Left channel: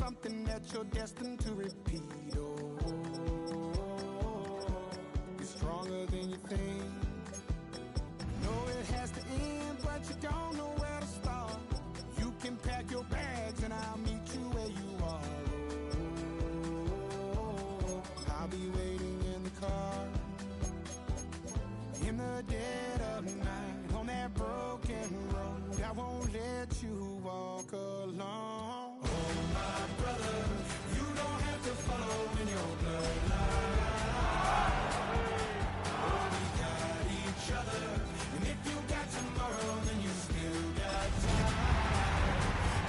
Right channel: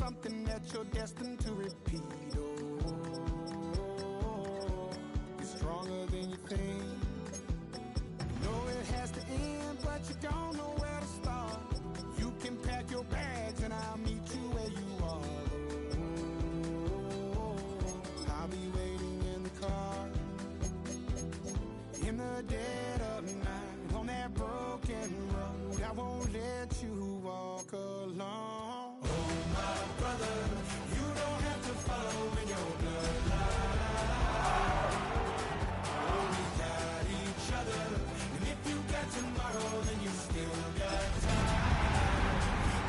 something that you're destined to repeat. Oh, you're stronger than you think. You know it has to end, but you don't know where to start. You can pack your bags and I'll meet you where you are. Oh, I'll be waiting in the car in the dead of night on that broken road. I won't let you walk alone. Oh, my brother, you don't have to follow in your bloodline. Oh, we got each other, and if you got tomorrow, then you still got time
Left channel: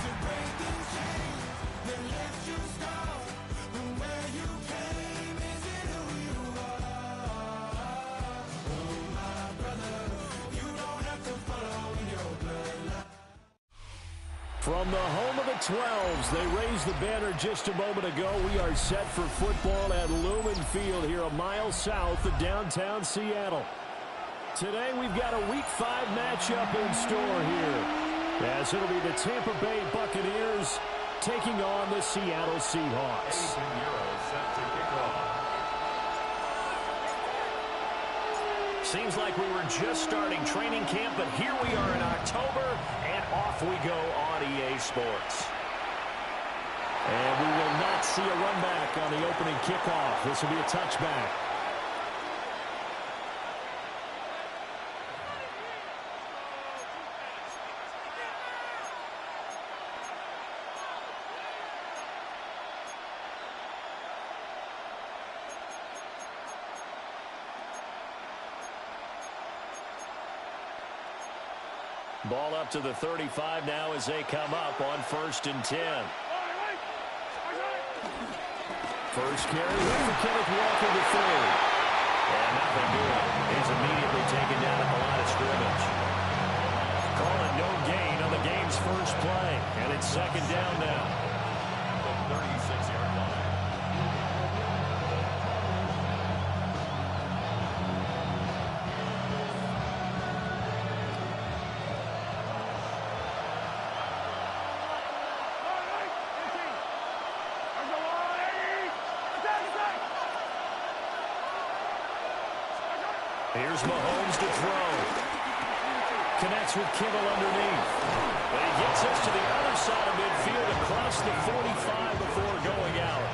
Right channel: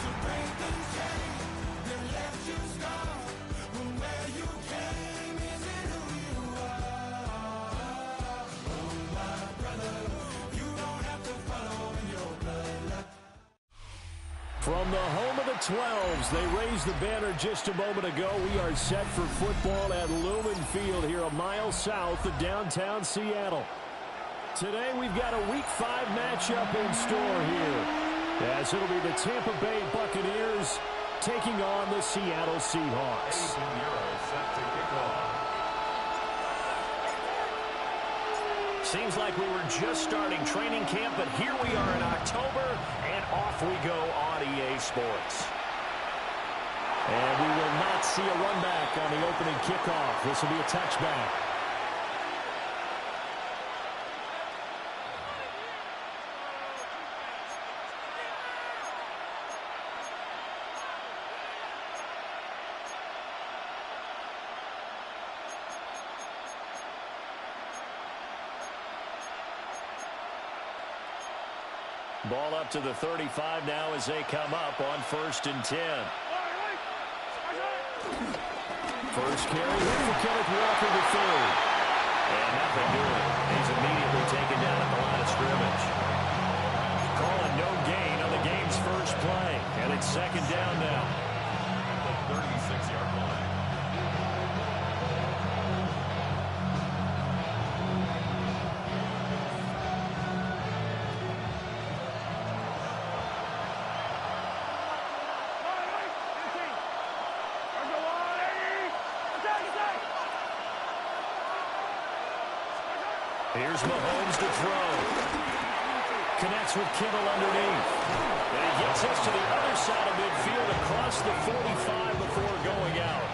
to break these chains that left you scarred. From where you came isn't who you are. Oh, my brother, you don't have to follow in your bloodline. From the home of the 12s, they raised the banner just a moment ago. We are set for football at Lumen Field here a mile south of downtown Seattle. Today we've got a Week 5 matchup in store here, as it'll be the Tampa Bay Buccaneers taking on the Seattle Seahawks. Set to kick off. Seems like we were just starting training camp, but here we are in October, and off we go on EA Sports. And we will not see a run back on the opening kickoff. This will be a touchback. Ball up to the 35 now as they come up on 1st and 10. First carry here for Kenneth Walker the third. And nothing doing. He's immediately taken down at the line of scrimmage. Calling no gain on the game's first play. And it's 2nd down now. At the 36-yard line. Here's Mahomes to throw. Connects with Kittle underneath. But he gets us to the other side of midfield across the 45 before going out.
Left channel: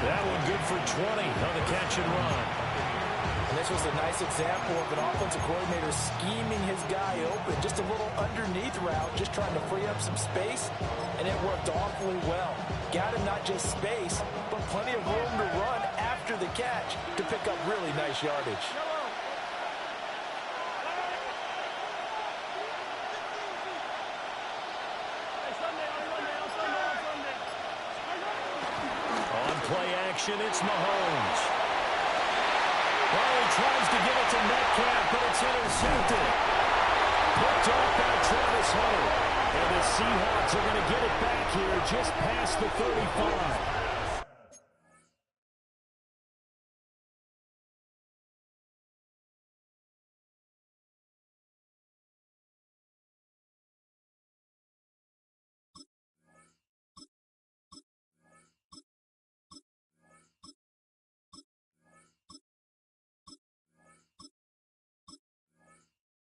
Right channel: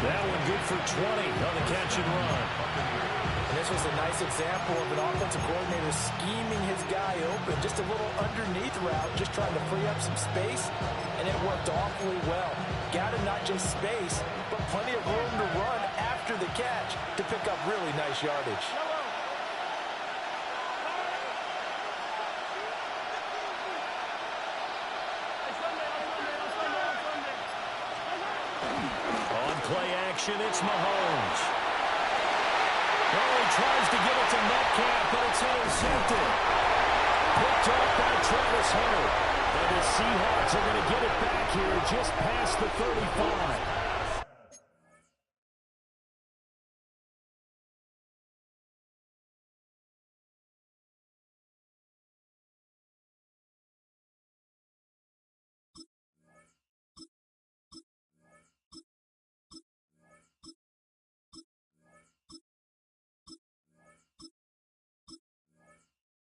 That one good for 20 on the catch and run. And this was a nice example of an offensive coordinator scheming his guy open. Just a little underneath route, just trying to free up some space, and it worked awfully well. Got him not just space, but plenty of room to run after the catch to pick up really nice yardage. On play action, it's Mahomes. Well, he tries to give it to Metcalf, but it's intercepted. Picked off by Travis Hunter. And the Seahawks are going to get it back here just past the 35.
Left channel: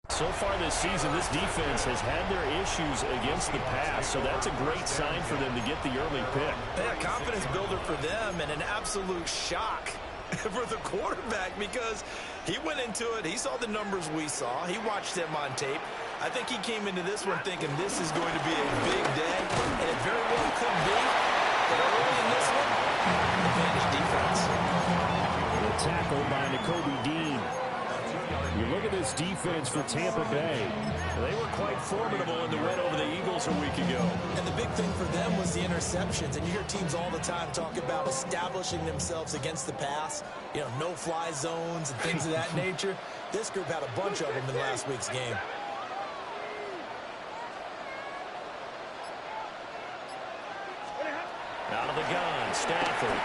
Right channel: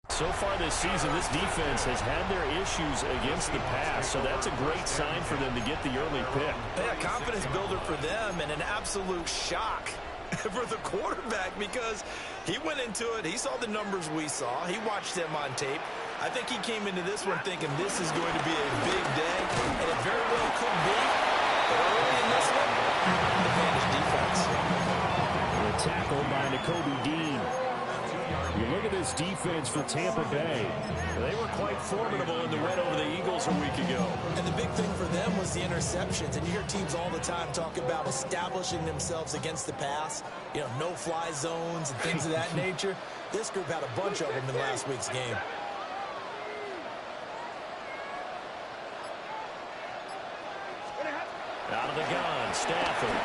So far this season, this defense has had their issues against the pass, so that's a great sign for them to get the early pick. Yeah, confidence builder for them and an absolute shock for the quarterback because he went into it, he saw the numbers we saw, he watched them on tape. I think he came into this one thinking this is going to be a big day, and it very well could be, but early in this one, advantage defense. The tackle by Nakobe Dean. You look at this defense for Tampa Bay. They were quite formidable in the win over the Eagles a week ago. And the big thing for them was the interceptions. And you hear teams all the time talk about establishing themselves against the pass. You know, no-fly zones and things of that nature. This group had a bunch of them in last week's game. Out of the gun, Stafford.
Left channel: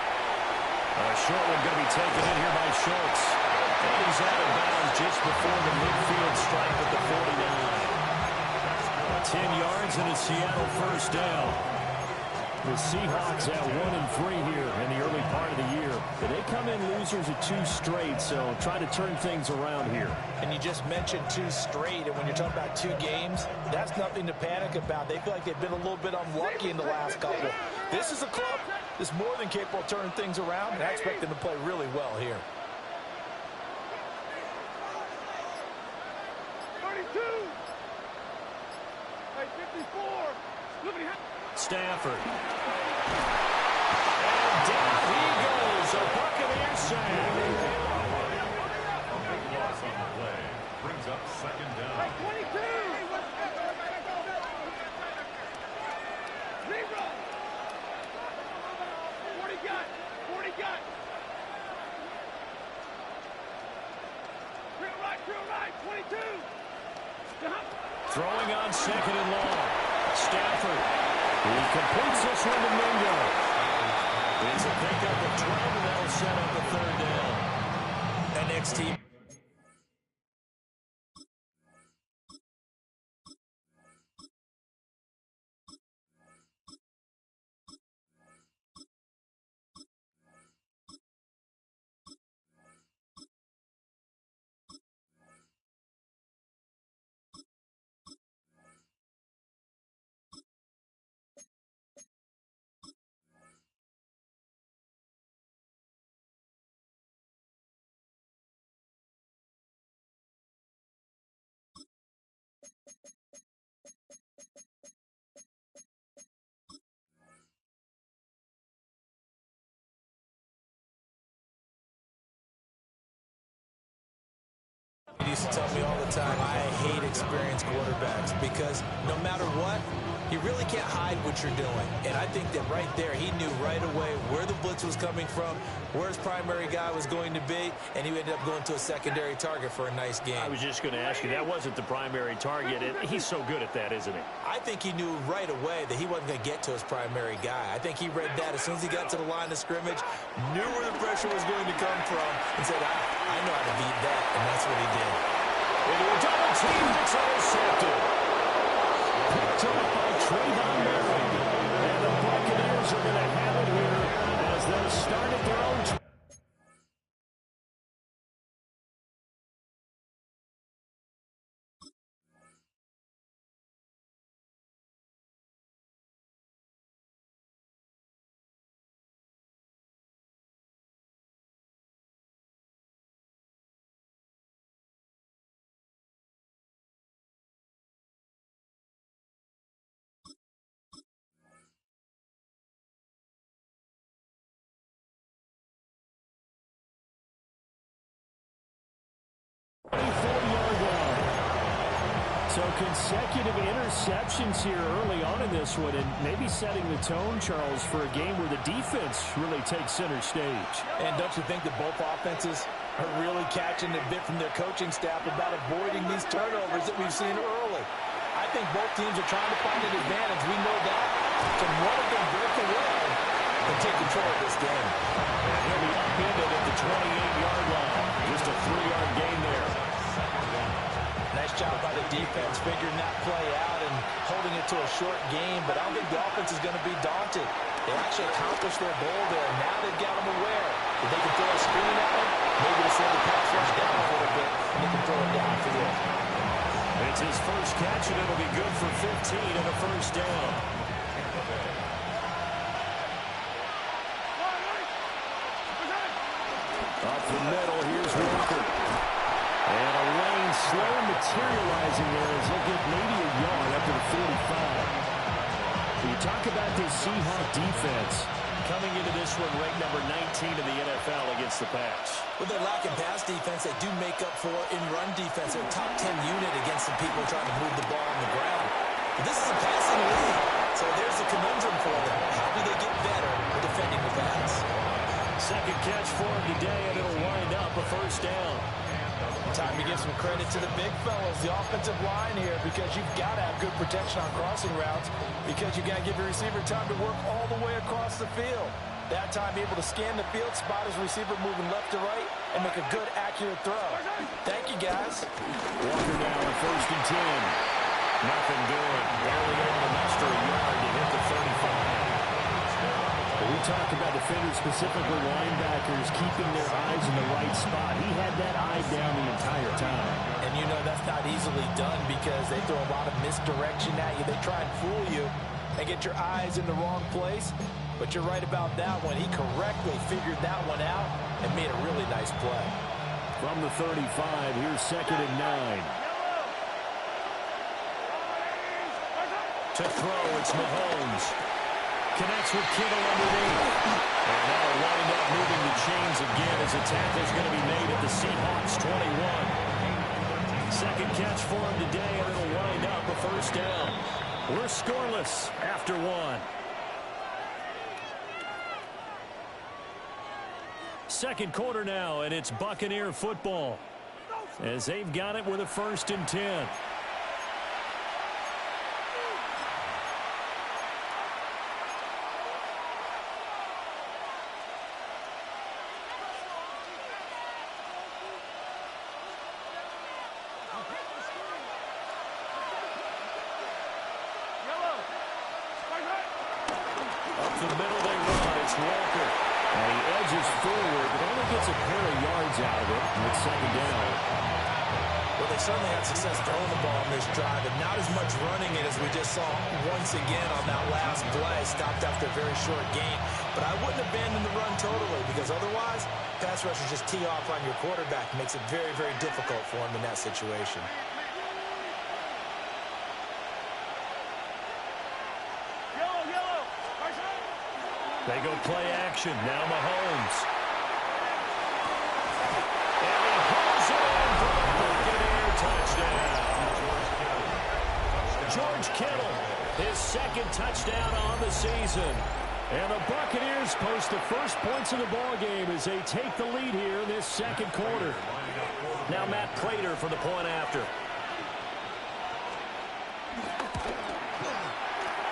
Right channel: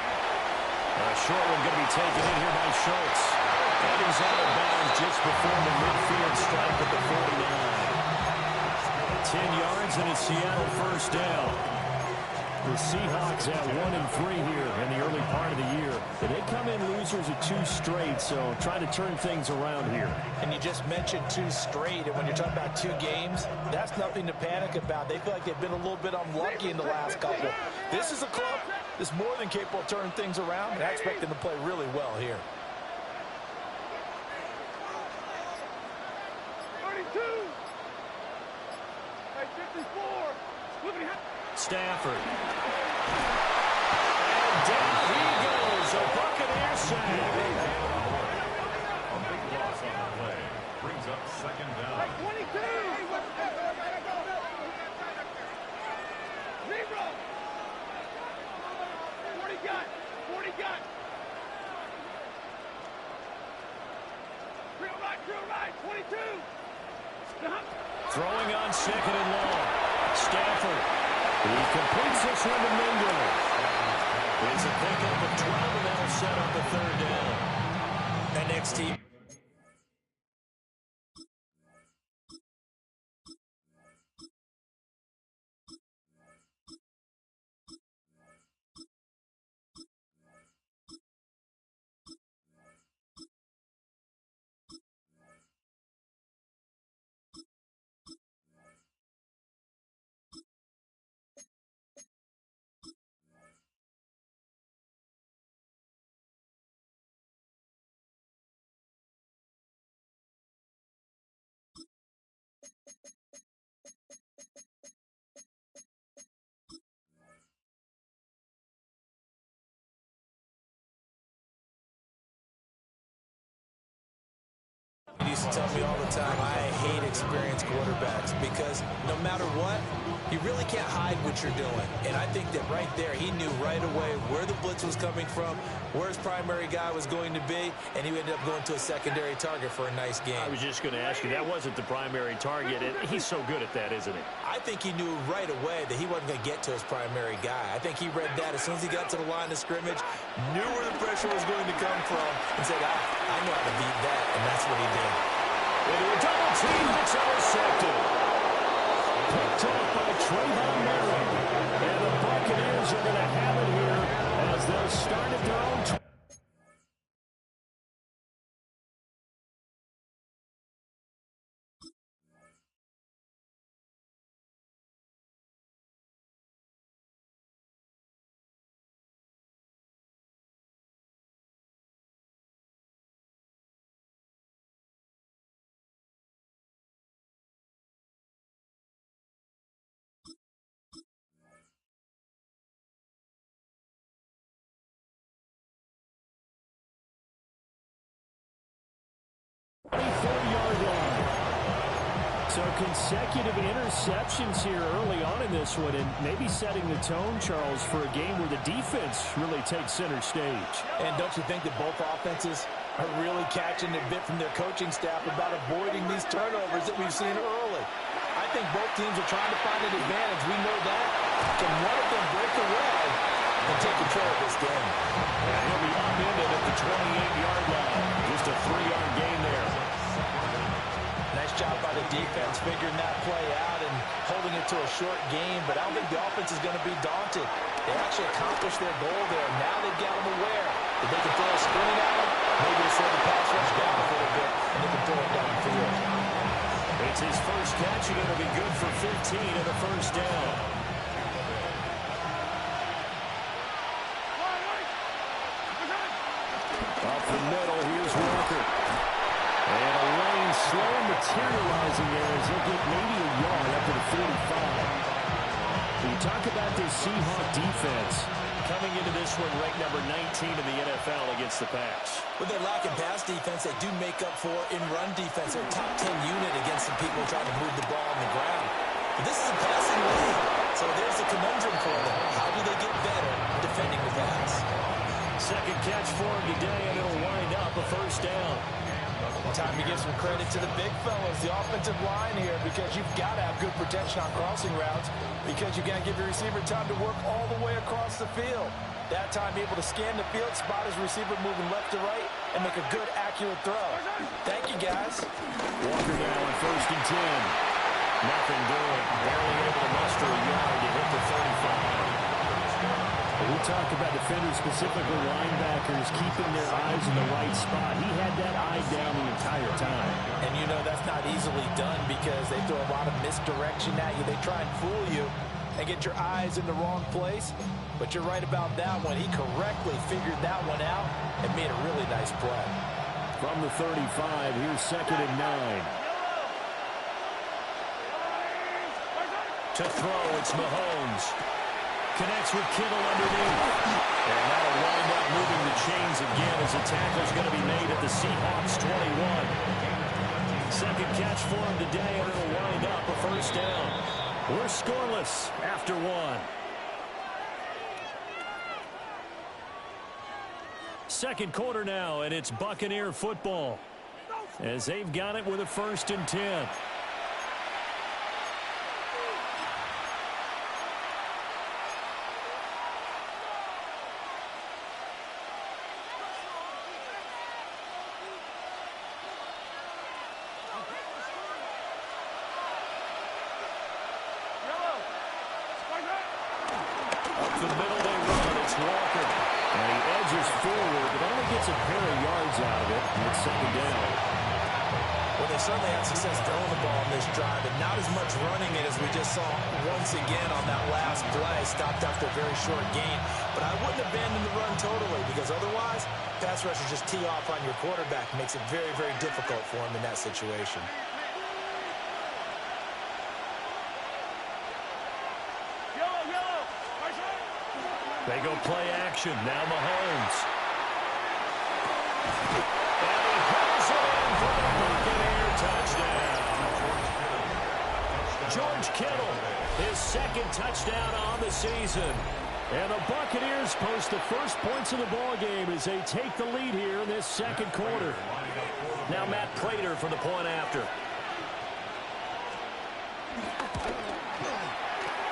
A short one going to be taken in here by Schultz. And he's out of bounds just before the midfield stripe at the 49. 10 yards and a Seattle first down. The Seahawks at 1-3 here in the early part of the year. And they come in losers of 2 straight, so try to turn things around here. And you just mentioned 2 straight, and when you're talking about 2 games, that's nothing to panic about. They feel like they've been a little bit unlucky in the last couple. This is a club that's more than capable of turning things around, and I expect them to play really well here. 32. Hey, 54. Stafford. And down he goes. A Buccaneer sack. A big loss on the play. Brings up second down. Hey, 22. 0. 40 got. 40 got. Drill right. 22. Throwing on second and long. Stafford. He completes this one to Mingo. It's a pickup of 12, and that'll set up a third down. And next team. He used to tell me all the time, I hate experienced quarterbacks because no matter what, you really can't hide what you're doing. And I think that right there, he knew right away where the blitz was coming from, where his primary guy was going to be, and he ended up going to a secondary target for a nice game. I was just going to ask you, that wasn't the primary target, and he's so good at that, isn't he? I think he knew right away that he wasn't going to get to his primary guy. I think he read that as soon as he got to the line of scrimmage, knew where the pressure was going to come from, and said, I know how to beat that, and that's what he did. Into a double team that's intercepted. Picked off by Trayvon Merrick. And the Buccaneers are going to have it here as they'll start at their own. So consecutive interceptions here early on in this one, and maybe setting the tone, Charles, for a game where the defense really takes center stage. And don't you think that both offenses are really catching a bit from their coaching staff about avoiding these turnovers that we've seen early? I think both teams are trying to find an advantage. We know that. Can one of them break away and take control of this game? And he'll be upended at the 28-yard line. Just a 3-yard gain there. Nice job by the defense figuring that play out and holding it to a short game, but I don't think the offense is going to be daunted. They actually accomplished their goal there. Now they've got them aware that they can throw a screen at them, maybe to slow the pass rush down a little bit, and they can throw it downfield. It's his first catch, and it'll be good for 15 and a first down. Up the middle, here's Walker. And a lane slow materializing there as he'll get maybe a yard up to the 45. You talk about this Seahawk defense coming into this one ranked number 19 in the NFL against the pass. With their lack of pass defense, they do make up for in run defense. They're a top 10 unit against some people trying to move the ball on the ground. But this is a passing league, so there's a conundrum for them. How do they get better defending the pass? Second catch for him today, and it'll wind up a first down. Time to give some credit to the big fellas, the offensive line here, because you've got to have good protection on crossing routes because you've got to give your receiver time to work all the way across the field. That time, be able to scan the field, spot his receiver moving left to right, and make a good, accurate throw. Thank you, guys. Walker now on 1st and 10. Nothing doing. Barely able to muster a yard to hit the 35. We talk about defenders, specifically linebackers, keeping their eyes in the right spot. He had that eye down the entire time. And you know that's not easily done because they throw a lot of misdirection at you. They try and fool you and get your eyes in the wrong place. But you're right about that one. He correctly figured that one out and made a really nice play. From the 35, here's 2nd and 9. To throw, it's Mahomes. Connects with Kittle underneath. And that'll wind up moving the chains again as the tackle's going to be made at the Seahawks 21. Second catch for him today, and it'll wind up a first down. We're scoreless after one. Second quarter now, and it's Buccaneer football as they've got it with a 1st and 10. Up the middle they run. It's Walker. And he edges forward, but only gets a pair of yards out of it. And it's 2nd down. Well, they certainly had success throwing the ball on this drive, and not as much running it as we just saw once again on that last play. Stopped after a very short gain. But I wouldn't abandon the run totally, because otherwise, pass rushers just tee off on your quarterback. Makes it very, very difficult for him in that situation. They go play action. Now Mahomes. And he hauls it in for the Buccaneer touchdown. George Kittle, his 2nd touchdown on the season. And the Buccaneers post the first points of the ball game as they take the lead here in this 2nd quarter. Now Matt Prater for the point after.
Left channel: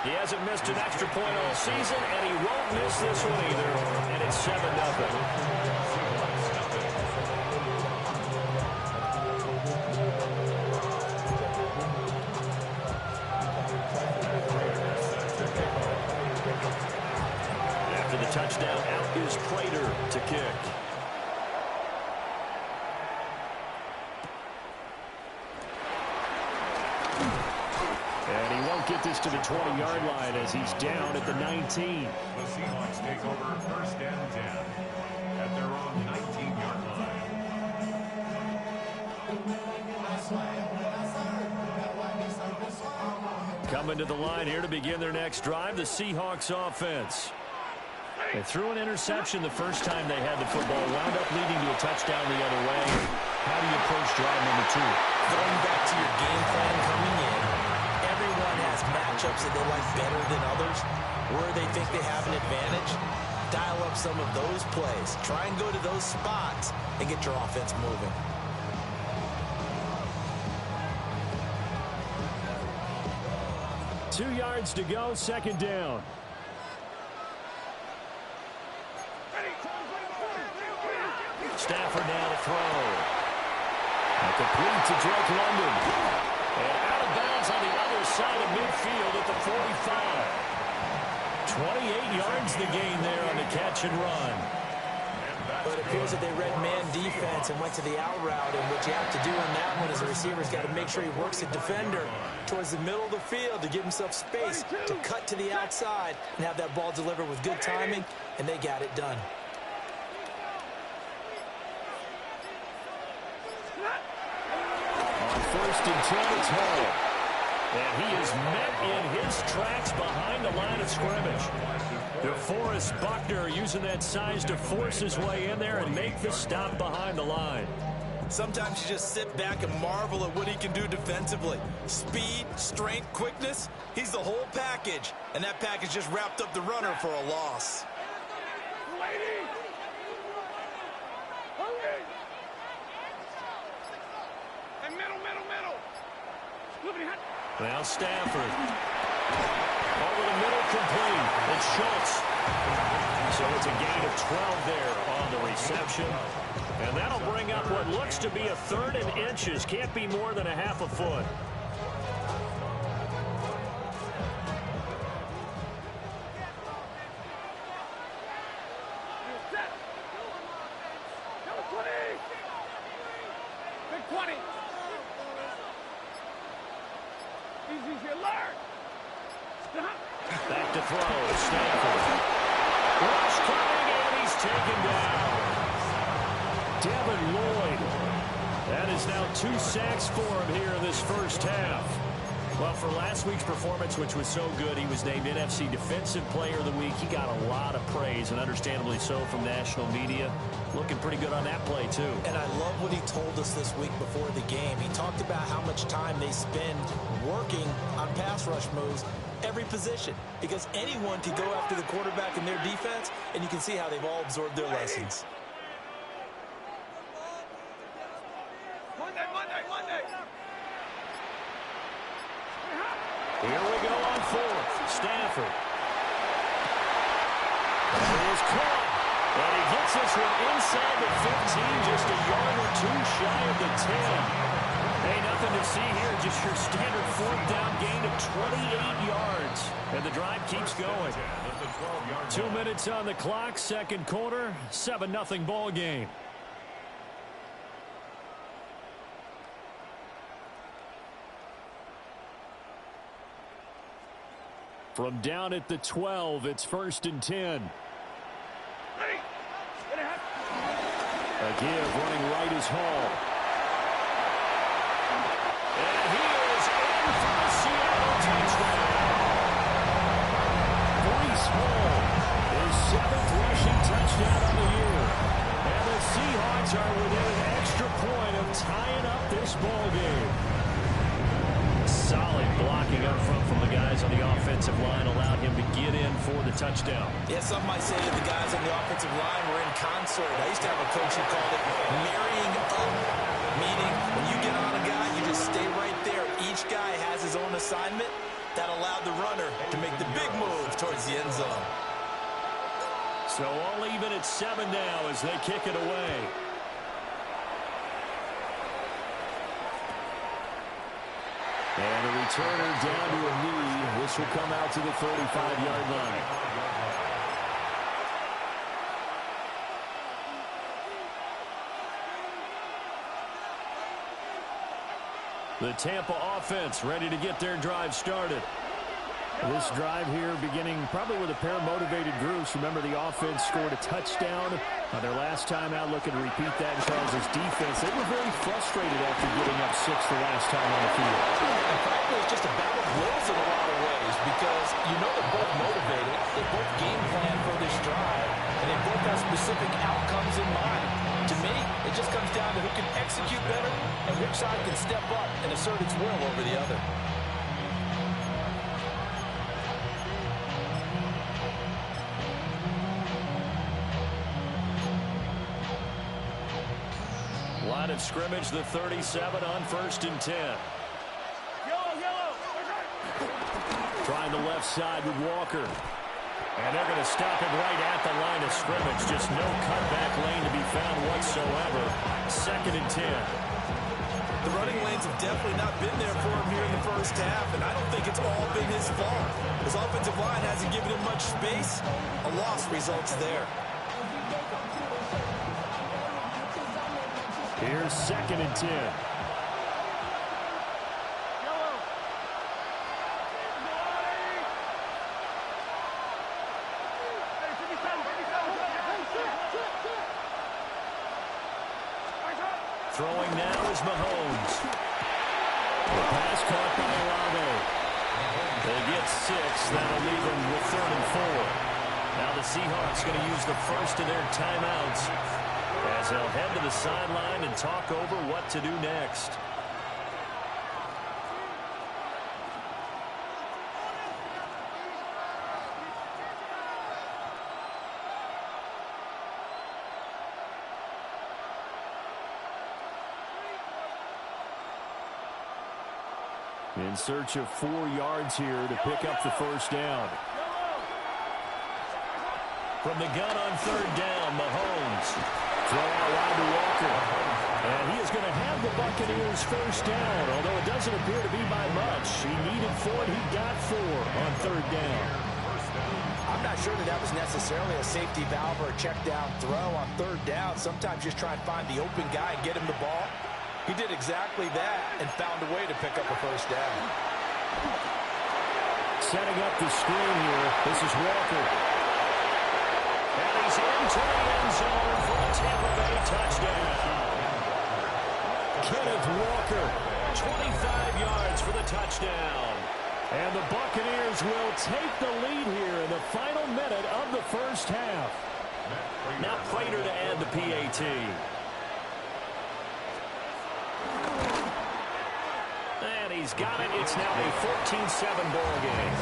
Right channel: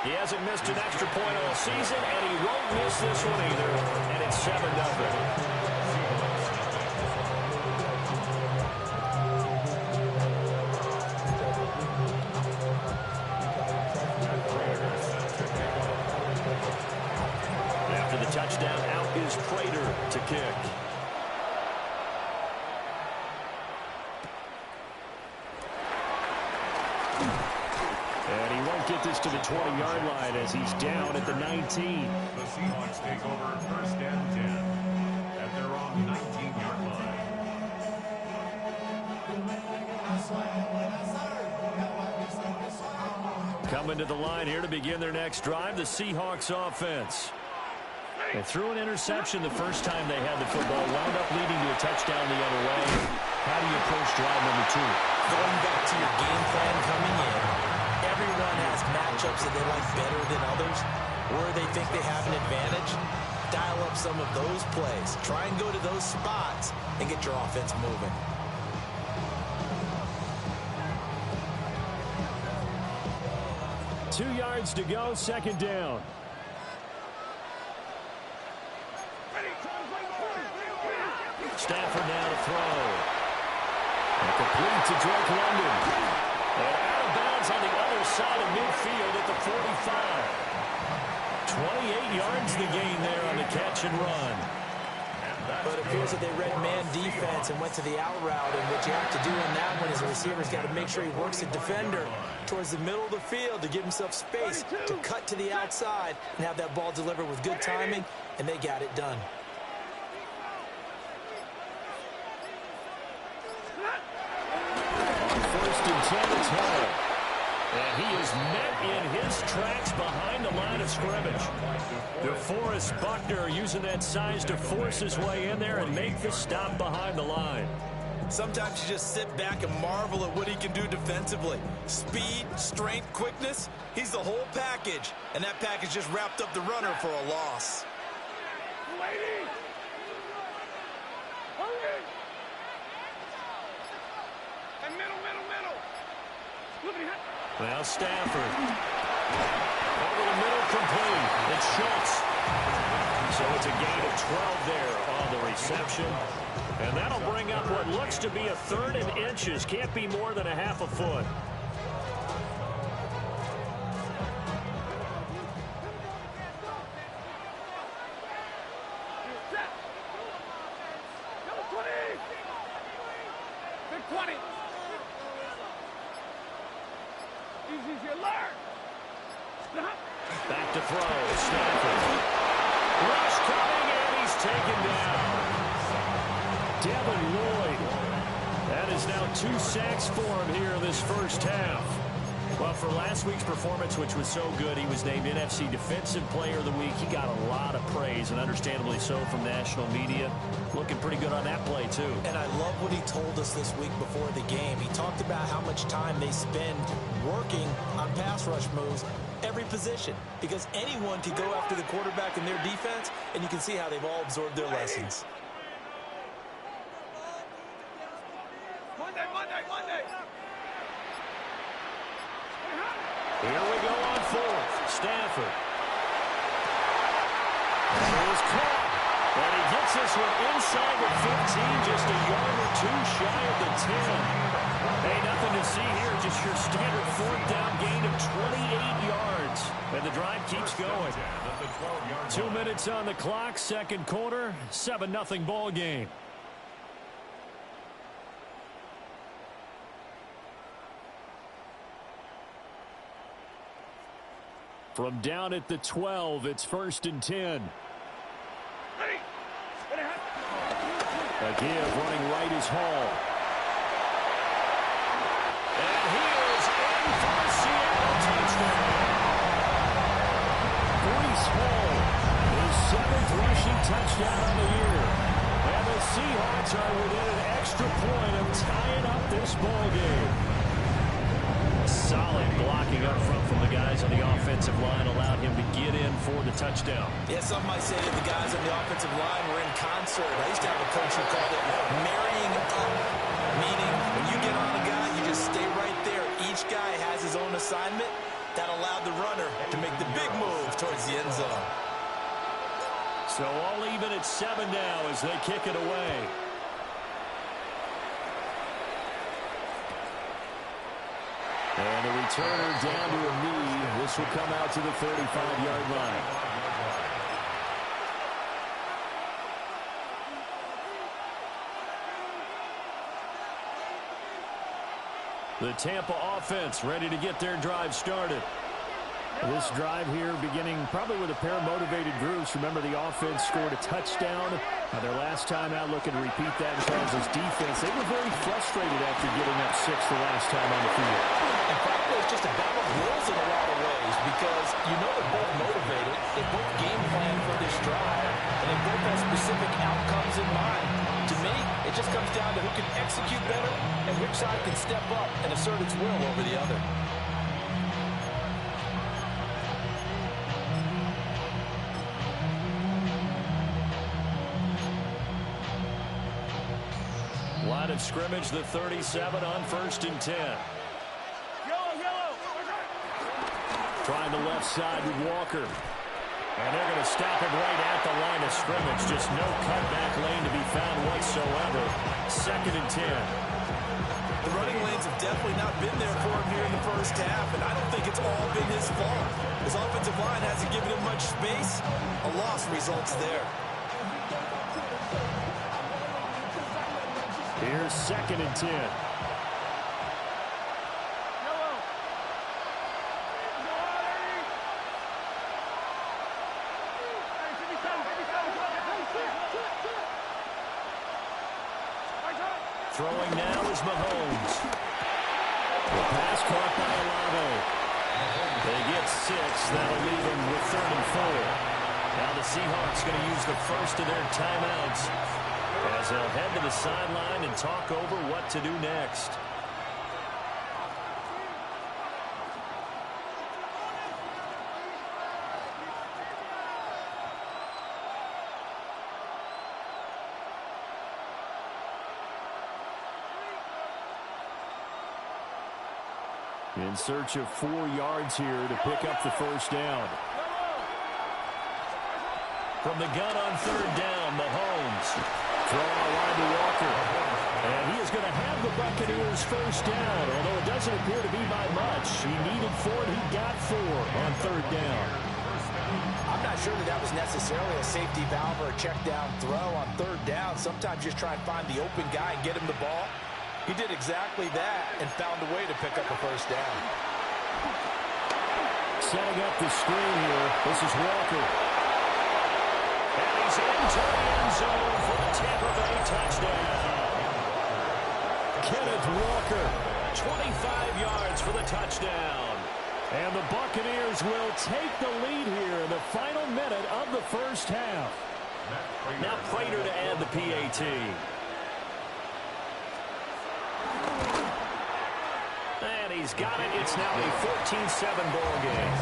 He hasn't missed an extra point all season, and he won't miss this one either. And it's 7-0. After the touchdown, out is Prater to kick. And he won't get this to the 20-yard line as he's down at the 19. The Seahawks take over 1st and 10 at their own 19-yard line. Coming to the line here to begin their next drive, the Seahawks offense. They threw an interception the first time they had the football, wound up leading to a touchdown the other way. How do you approach drive number 2? Going back to your game plan coming in, everyone has matchups that they like better than others, where they think they have an advantage. Dial up some of those plays. Try and go to those spots and get your offense moving. Two yards to go, 2nd down. Stafford now to throw. And complete to Drake London. And out of bounds on the other side of midfield at the 45. 28 yards the gain there on the catch and run. But it appears that they read man defense and went to the out route, and what you have to do on that one is the receiver's got to make sure he works the defender towards the middle of the field to give himself space to cut to the outside and have that ball delivered with good timing, and they got it done. On 1st and 10, it's Hall. And he is met in his tracks behind the line of scrimmage. DeForest Buckner using that size to force his way in there and make the stop behind the line. Sometimes you just sit back and marvel at what he can do defensively. Speed, strength, quickness, he's the whole package. And that package just wrapped up the runner for a loss. And middle. Now Stafford. Over the middle, complete. It's Schultz. So it's a gain of 12 there on the reception. And that'll bring up what looks to be a 3rd and inches. Can't be more than a half a foot. Easy, easy, alert. Stop. Back to throw. Stafford. Rush coming, and he's taken down. Devin Lloyd. That is now 2 sacks for him here in this first half. Well, for last week's performance, which was so good, he was named NFC Defensive Player of the Week. He got a lot of praise, and understandably so, from national media. Looking pretty good on that play, too. And I love what he told us this week before the game. He talked about how much time they spend working on pass rush moves, every position, because anyone can go after the quarterback in their defense, and you can see how they've all absorbed their lessons. Monday, Monday, Monday. Here we go on 4th. Stafford. And it was caught. And he gets this one inside the 15, just a yard or 2 shy of the 10. Hey, nothing to see here, just your standard 4th down gain of 28 yards. And the drive keeps going. 2 minutes on the clock, second quarter, 7-0 ball game. From down at the 12, it's 1st and 10. A give, running right is Hall. And he is in for a Seattle touchdown. Breece Hall, his 7th rushing touchdown of the year. And the Seahawks are within an extra point of tying up this ball game. Solid blocking up front from the guys on the offensive line allowed him to get in for the touchdown. Yeah, some might say that the guys on the offensive line were in concert. I used to have a coach who called it marrying up, meaning when you get on a guy, you just stay right there. Each guy has his own assignment. That allowed the runner to make the big move towards the end zone. So all even at 7 now as they kick it away. And the returner down to a knee. This will come out to the 35-yard line. The Tampa offense ready to get their drive started. This drive here beginning probably with a pair of motivated groups. Remember, the offense scored a touchdown their last time out, looking to repeat that in Charles' defense. They were very frustrated after giving up 6 the last time on the field. And frankly, it's just a battle of wills in a lot of ways because you know they're both motivated. They both game plan for this drive, and they both have specific outcomes in mind. To me, it just comes down to who can execute better and which side can step up and assert its will over the other. Line of scrimmage, the 37 on 1st and 10. Yellow. Trying the left side with Walker. And they're going to stop him right at the line of scrimmage. Just no cutback lane to be found whatsoever. 2nd and 10. The running lanes have definitely not been there for him here in the first half, and I don't think it's all been his fault. His offensive line hasn't given him much space. A loss results there. Here's 2nd and 10. Throwing now is Mahomes. The pass caught by Olave. They get 6. That'll leave them with 3rd and 4. Now the Seahawks going to use the first of their timeouts as they'll head to the sideline and talk over what to do next. In search of 4 yards here to pick up the first down. From the gun on 3rd down, Mahomes. Throw out wide to Walker. And he is going to have the Buccaneers first down, although it doesn't appear to be by much. He needed 4, and he got 4 on 3rd down. I'm not sure that was necessarily a safety valve or a check down throw on 3rd down. Sometimes just try and find the open guy and get him the ball. He did exactly that and found a way to pick up a first down. Setting up the screen here. This is Walker. And he's into the end zone for a Tampa Bay touchdown. Kenneth Walker, 25 yards for the touchdown. And the Buccaneers will take the lead here in the final minute of the first half. Now Prater to add the PAT. And he's got it. It's now a 14-7 ball game.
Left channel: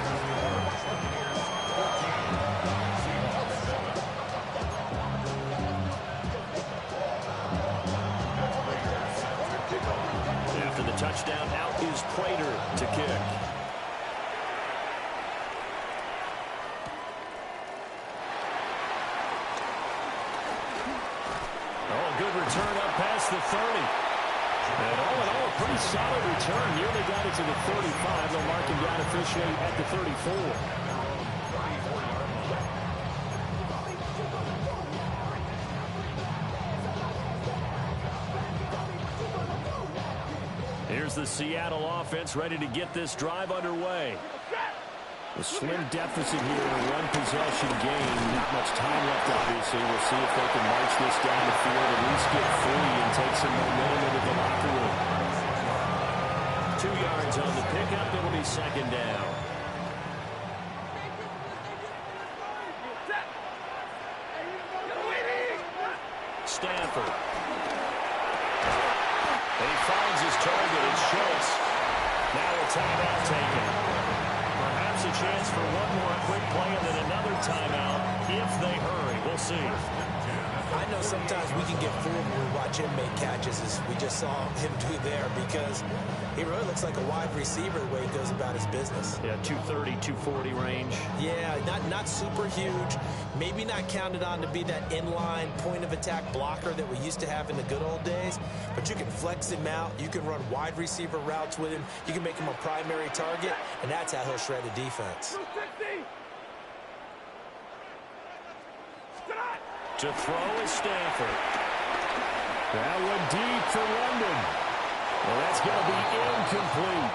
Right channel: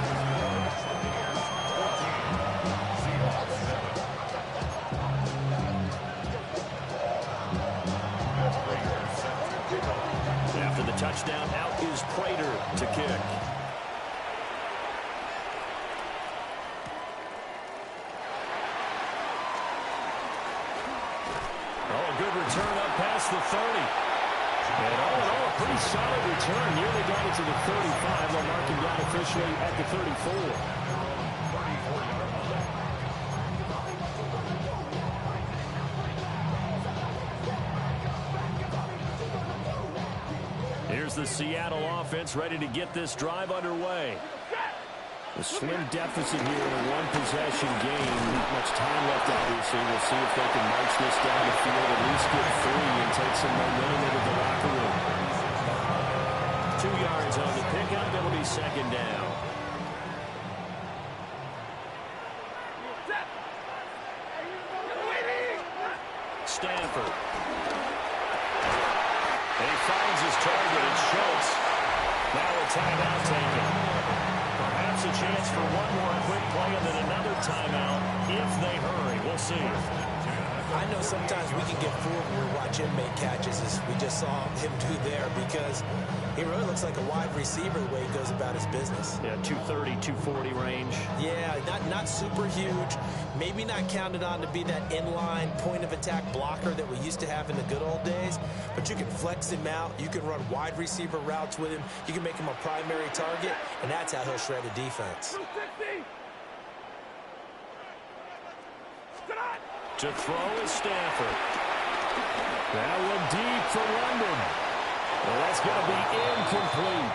After the touchdown, out is Prater to kick. Oh, a good return up past the 30. And all in all, a pretty solid return. Nearly got it to the 35. They'll mark him down officially at the 34. Here's the Seattle offense ready to get this drive underway. A slim deficit here in a one-possession game. Not much time left, obviously. We'll see if they can march this down the field, at least get 3 and take some momentum into the locker room. 2 yards on the pickup. It'll be second down. Stanford. And he finds his target. It's Schultz. Now a timeout taken. Perhaps a chance for one more quick play and then another timeout if they hurry. We'll see. I know sometimes we can get fooled when we watch him make catches, as we just saw him do there, because he really looks like a wide receiver the way he goes about his business. Yeah, 230, 240 range. Yeah, not super huge. Maybe not counted on to be that inline point-of-attack blocker that we used to have in the good old days, but you can flex him out. You can run wide receiver routes with him. You can make him a primary target, and that's how he'll shred a defense. To throw is Stanford. That one deep for London. Well, that's going to be incomplete.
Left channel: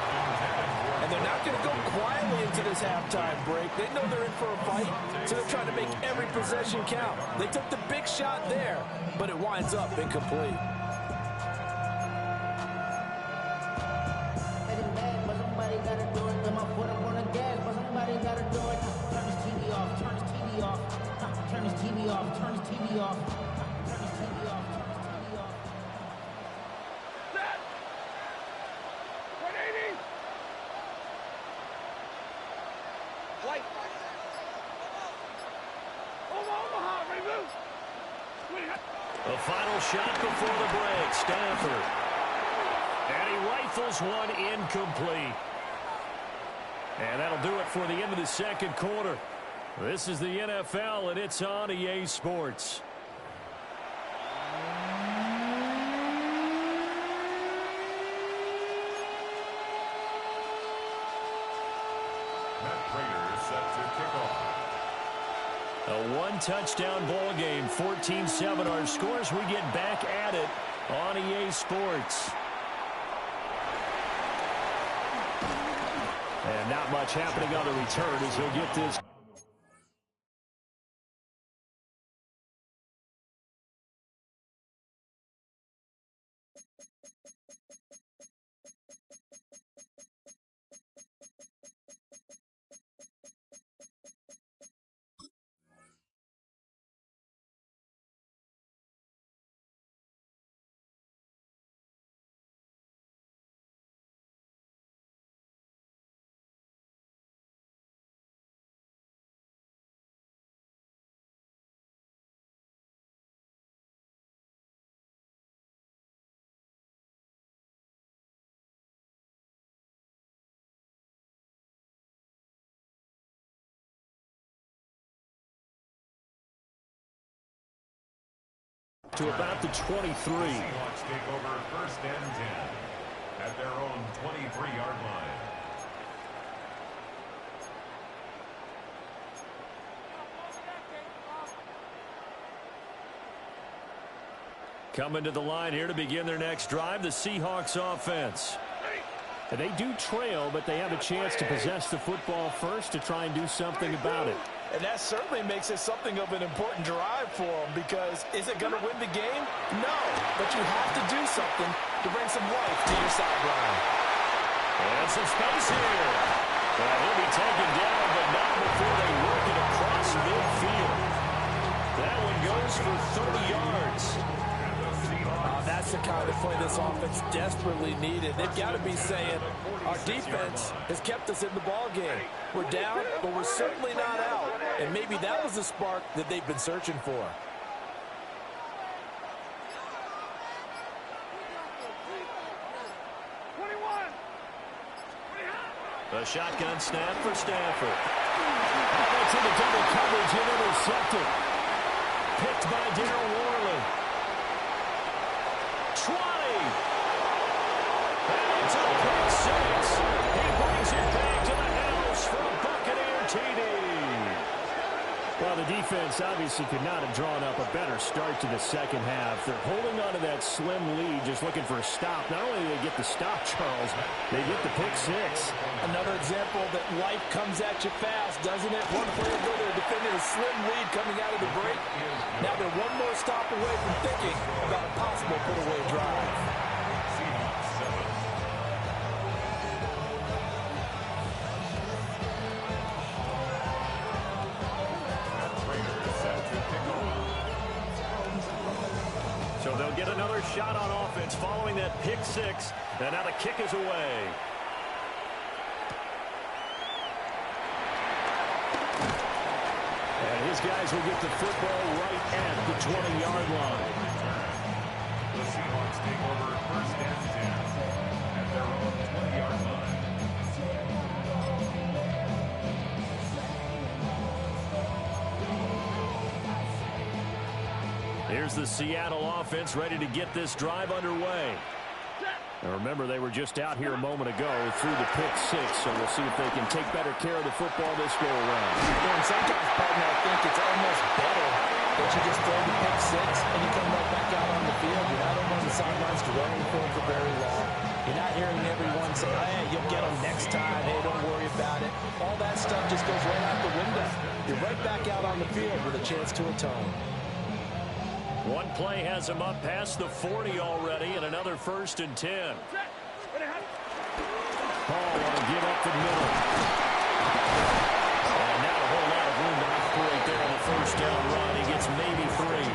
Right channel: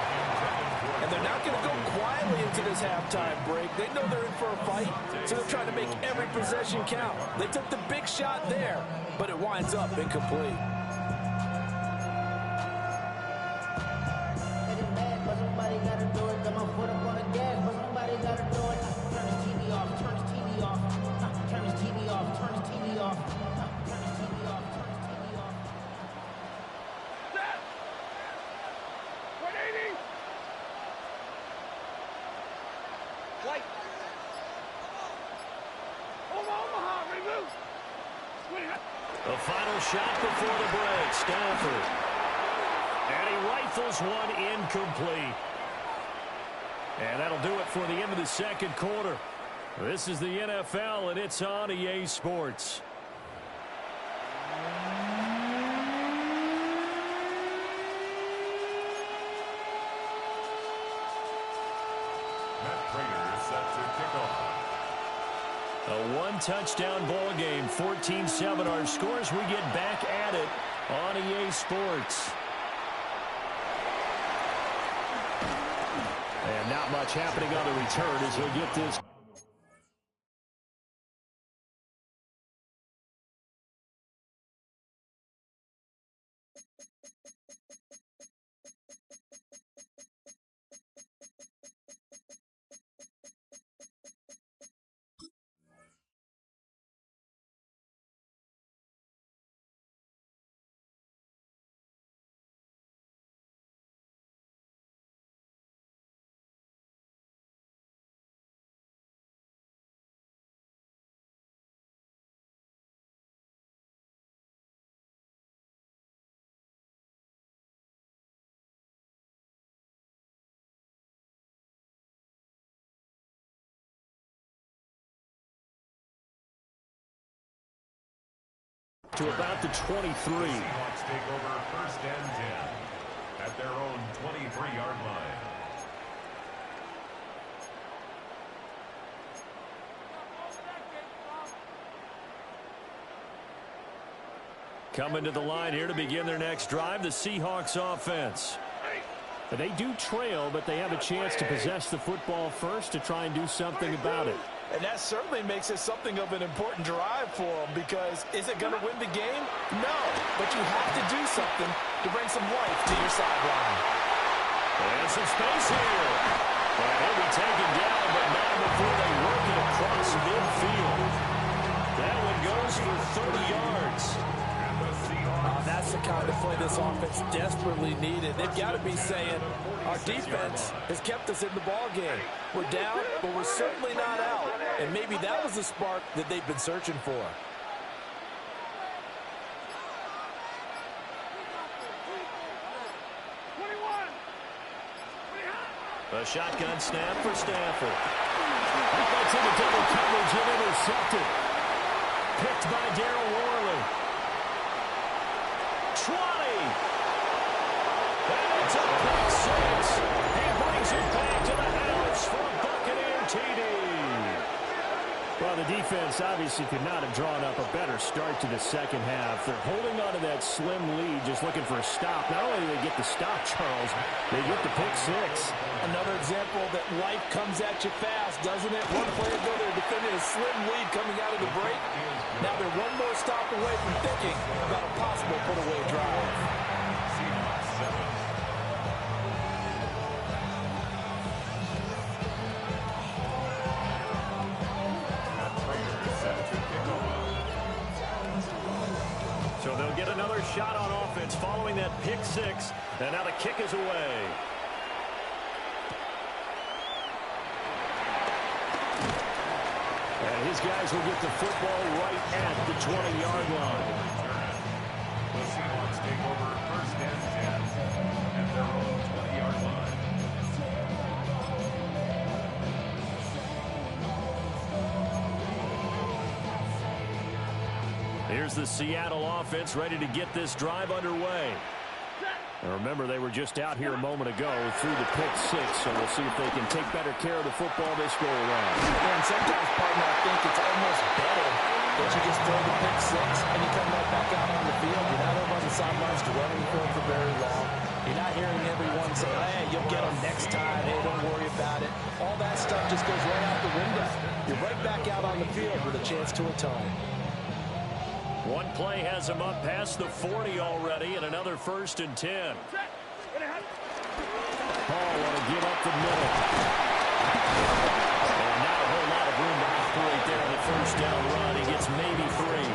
And they're not going to go quietly into this halftime break. They know they're in for a fight, so they're trying to make every possession count. They took the big shot there, but it winds up incomplete. But somebody gotta do it. Got my foot up on the gas, but somebody gotta do it. Turn his TV off, turn his TV off. Turn his TV off, turn his TV off. Turn his TV off, turn his TV off. Set! 180! White! Omaha, remove! The final shot before the break, Stanford. And he rifles one incomplete. And that'll do it for the end of the second quarter. This is the NFL, and it's on EA Sports. Matt Prater is set to kick off. A one-touchdown ball game, 14-7. Our scores, we get back at it on EA Sports. And not much happening on the return as he'll get this. To about the 23. The Seahawks take over first and 10 at their own 23-yard line. Coming to the line here to begin their next drive, the Seahawks offense. They do trail, but they have a chance to possess the football first to try and do something about it. And that certainly makes it something of an important drive for them, because is it going to win the game? No, but you have to do something to bring some life to your sideline. And some space here. And he'll be taken down, but not before they work it across midfield. That one goes for 30 yards. That's the kind of play this offense desperately needed. They've got to be saying, our defense has kept us in the ball game. We're down, but we're certainly not out. And maybe that was the spark that they've been searching for. A shotgun snap for Stafford. Oh, that's into double coverage and intercepted. Picked by Darryl Worley. 20. And it's a pick six. He brings it back to the house for a Buccaneer TD. Well, the defense obviously could not have drawn up a better start to the second half. They're holding on to that slim lead, just looking for a stop. Not only do they get the stop, Charles, they get the pick six. Another example that life comes at you fast, doesn't it? One play ago, they're defending a slim lead coming out of the break. Now they're one more stop away from thinking about a possible put-away drive. Seahawks 7. So they'll get another shot on offense following that pick six. And now the kick is away. And his guys will get the football right at the 20-yard line. The Seahawks take over first and 10 at their own 20-yard line. Here's the Seattle offense ready to get this drive underway. Now remember, they were just out here a moment ago through the pick six, so we'll see if they can take better care of the football this go around. And sometimes, partner, I think it's almost better that you just throw the pick six and you come right back out on the field. You're not over on the sidelines dwelling for it for very long. You're not hearing everyone say, hey, you'll get them next time. Hey, don't worry about it. All that stuff just goes right out the window. You're right back out on the field with a chance to atone. One play has him up past the 40 already, and another 1st and 10. Hall want to give up the middle. And not a whole lot of room to operate there on the first down run. He gets maybe 3.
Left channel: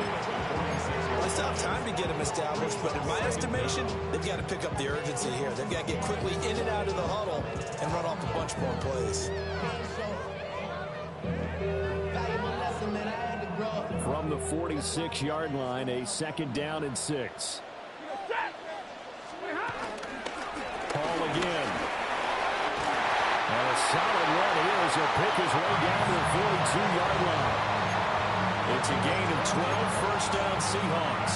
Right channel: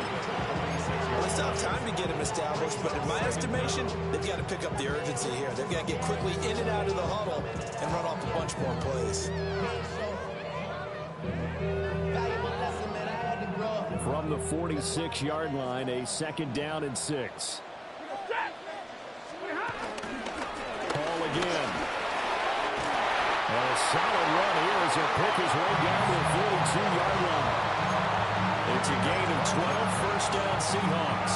Well, they still have time to get him established, but in my estimation, they've got to pick up the urgency here. They've got to get quickly in and out of the huddle and run off a bunch more plays. From the 46-yard line, a 2nd down and 6. Hall again. And a solid run here as he'll pick his way down to the 42-yard line. It's a gain of 12, first down Seahawks.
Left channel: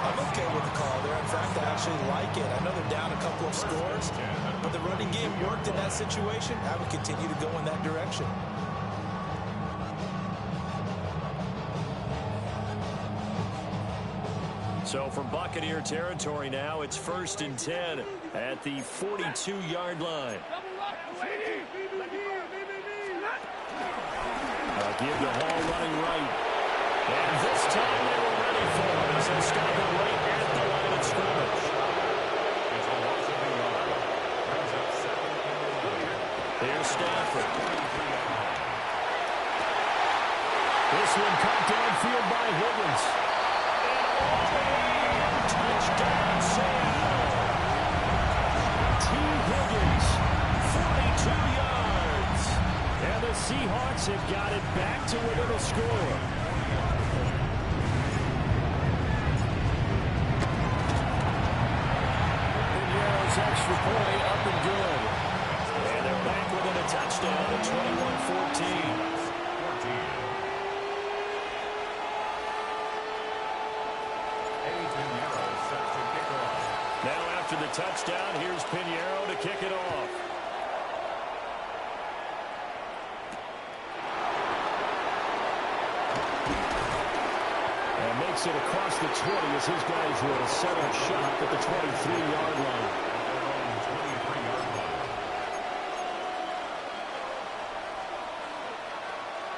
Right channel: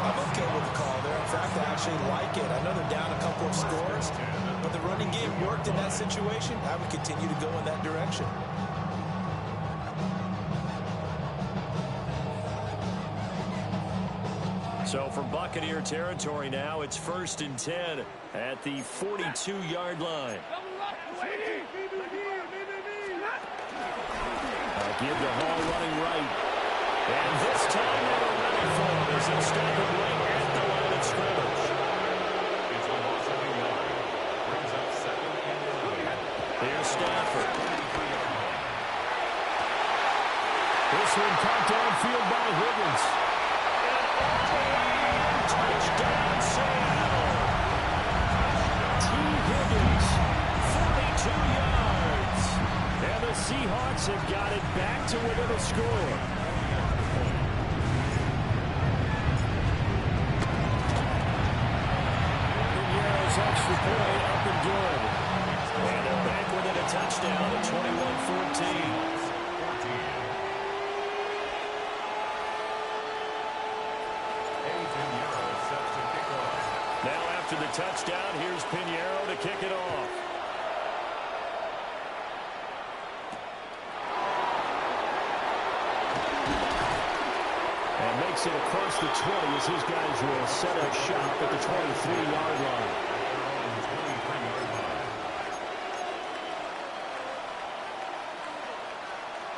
I'm okay with the call there. In fact, I actually like it. I know they're down a couple of scores, but the running game worked in that situation. I would continue to go in that direction. So from Buccaneer territory now, it's 1st and 10 at the 42-yard line. Give to Hall running right. And this time they were ready for him as they'll stop him right at the line of scrimmage. It's a loss of a yard. Brings up 2nd and 11. Here's Stafford. This one caught downfield by Higgins. And touchdown Seattle. T. Higgins, 42 yards. And the Seahawks have got it back to within a score. Pinheiro's extra point up and good. And they're back within a touchdown at 21-14. Now after the touchdown, here's Pinheiro to kick it off. And makes it across the 20 as his guys will set up shop at the 23-yard line.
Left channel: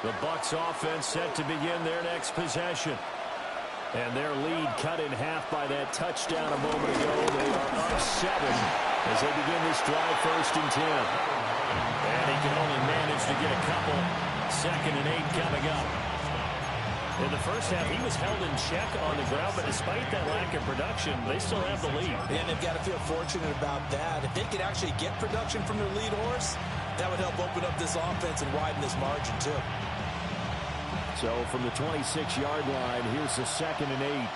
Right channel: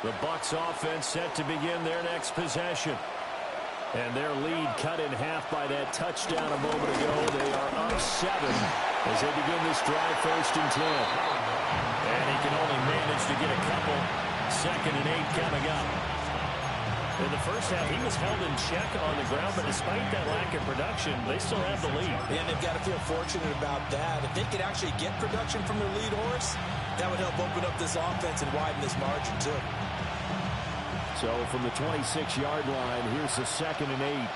The Bucs offense set to begin their next possession. And their lead cut in half by that touchdown a moment ago. They are up 7 as they begin this drive, 1st and 10. And he can only manage to get a couple. 2nd and 8 coming up. In the first half, he was held in check on the ground, but despite that lack of production, they still have the lead. And they've got to feel fortunate about that. If they could actually get production from their lead horse, that would help open up this offense and widen this margin, too. So from the 26-yard line, here's the 2nd and 8.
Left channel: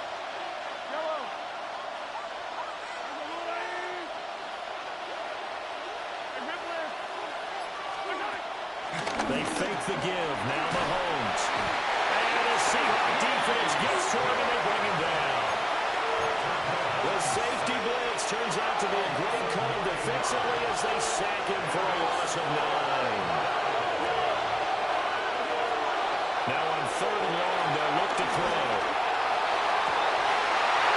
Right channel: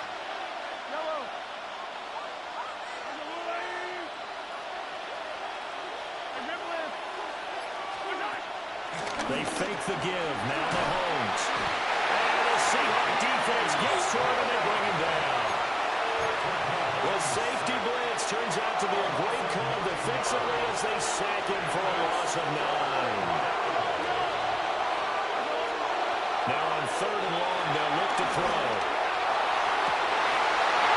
They fake the give. Now Mahomes. And the Seahawk defense gets to him, and they bring him down. The safety blitz turns out to be a great call defensively as they sack him for a loss of 9. Now on 3rd and long, they'll look to throw.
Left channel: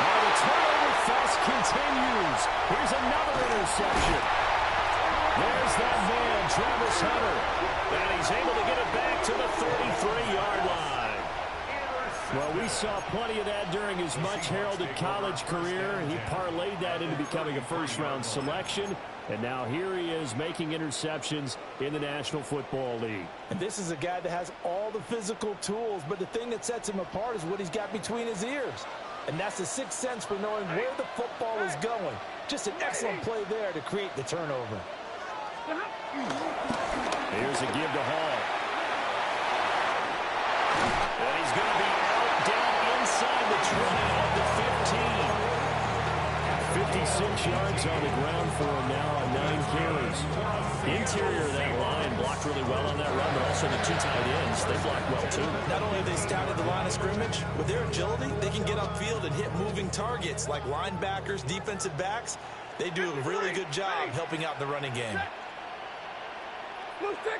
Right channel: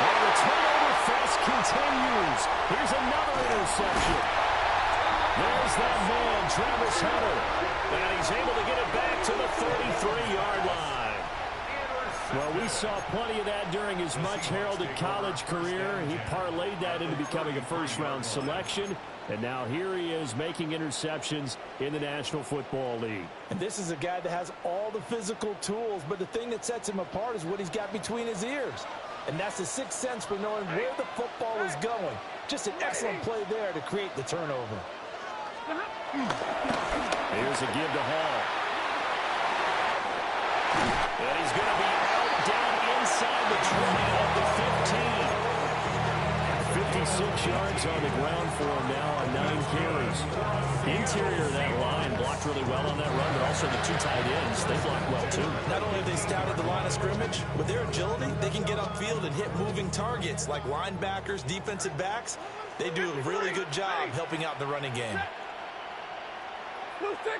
Oh, the turnover fest continues. Here's another interception. There's that man, Travis Hunter. And he's able to get it back to the 33-yard line. Well, we saw plenty of that during his much-heralded college career. He parlayed that into becoming a first-round selection. And now here he is making interceptions in the National Football League. And this is a guy that has all the physical tools, but the thing that sets him apart is what he's got between his ears. And that's the sixth sense for knowing where the football is going. Just an excellent play there to create the turnover. Here's a give to Hall. And he's going to be out down inside the 20 of the 15. 56 yards on the ground for him now on 9 carries. The interior of that line blocked really well on that run, but also the 2 tight ends, they blocked well too. Not only have they scouted the line of scrimmage, with their agility, they can get upfield and hit moving targets like linebackers, defensive backs. They do a really good job helping out in the running game. Blue 60!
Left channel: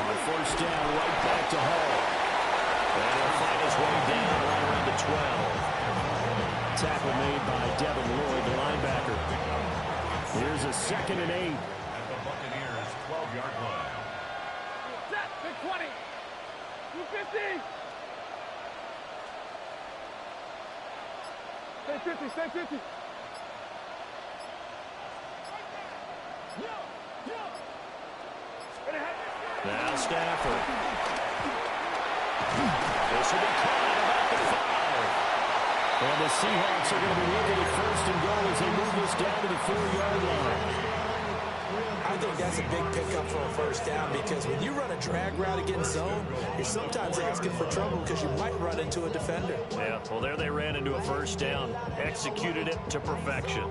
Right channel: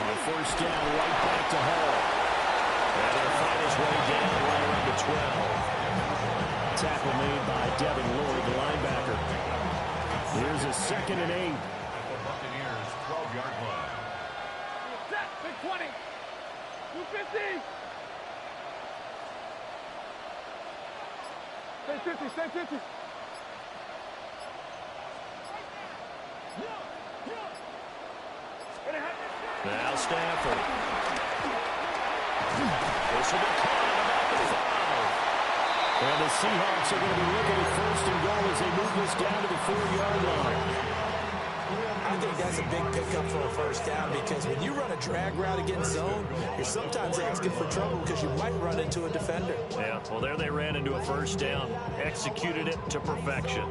On 1st down, right back to Hall. And he'll find his way down right around the 12. Tackle made by Devin Lloyd, the linebacker. Here's a 2nd and 8. At the Buccaneers' 12-yard line. Set, big 20. 250. Stay 50, stay 50. Now Stafford. This will be caught at about the 5. And the Seahawks are going to be looking at 1st and goal as they move this down to the 4-yard line. I think that's a big pickup for a 1st down because when you run a drag route against zone, you're sometimes asking for trouble because you might run into a defender. Yeah, well, there they ran into a 1st down. Executed it to perfection.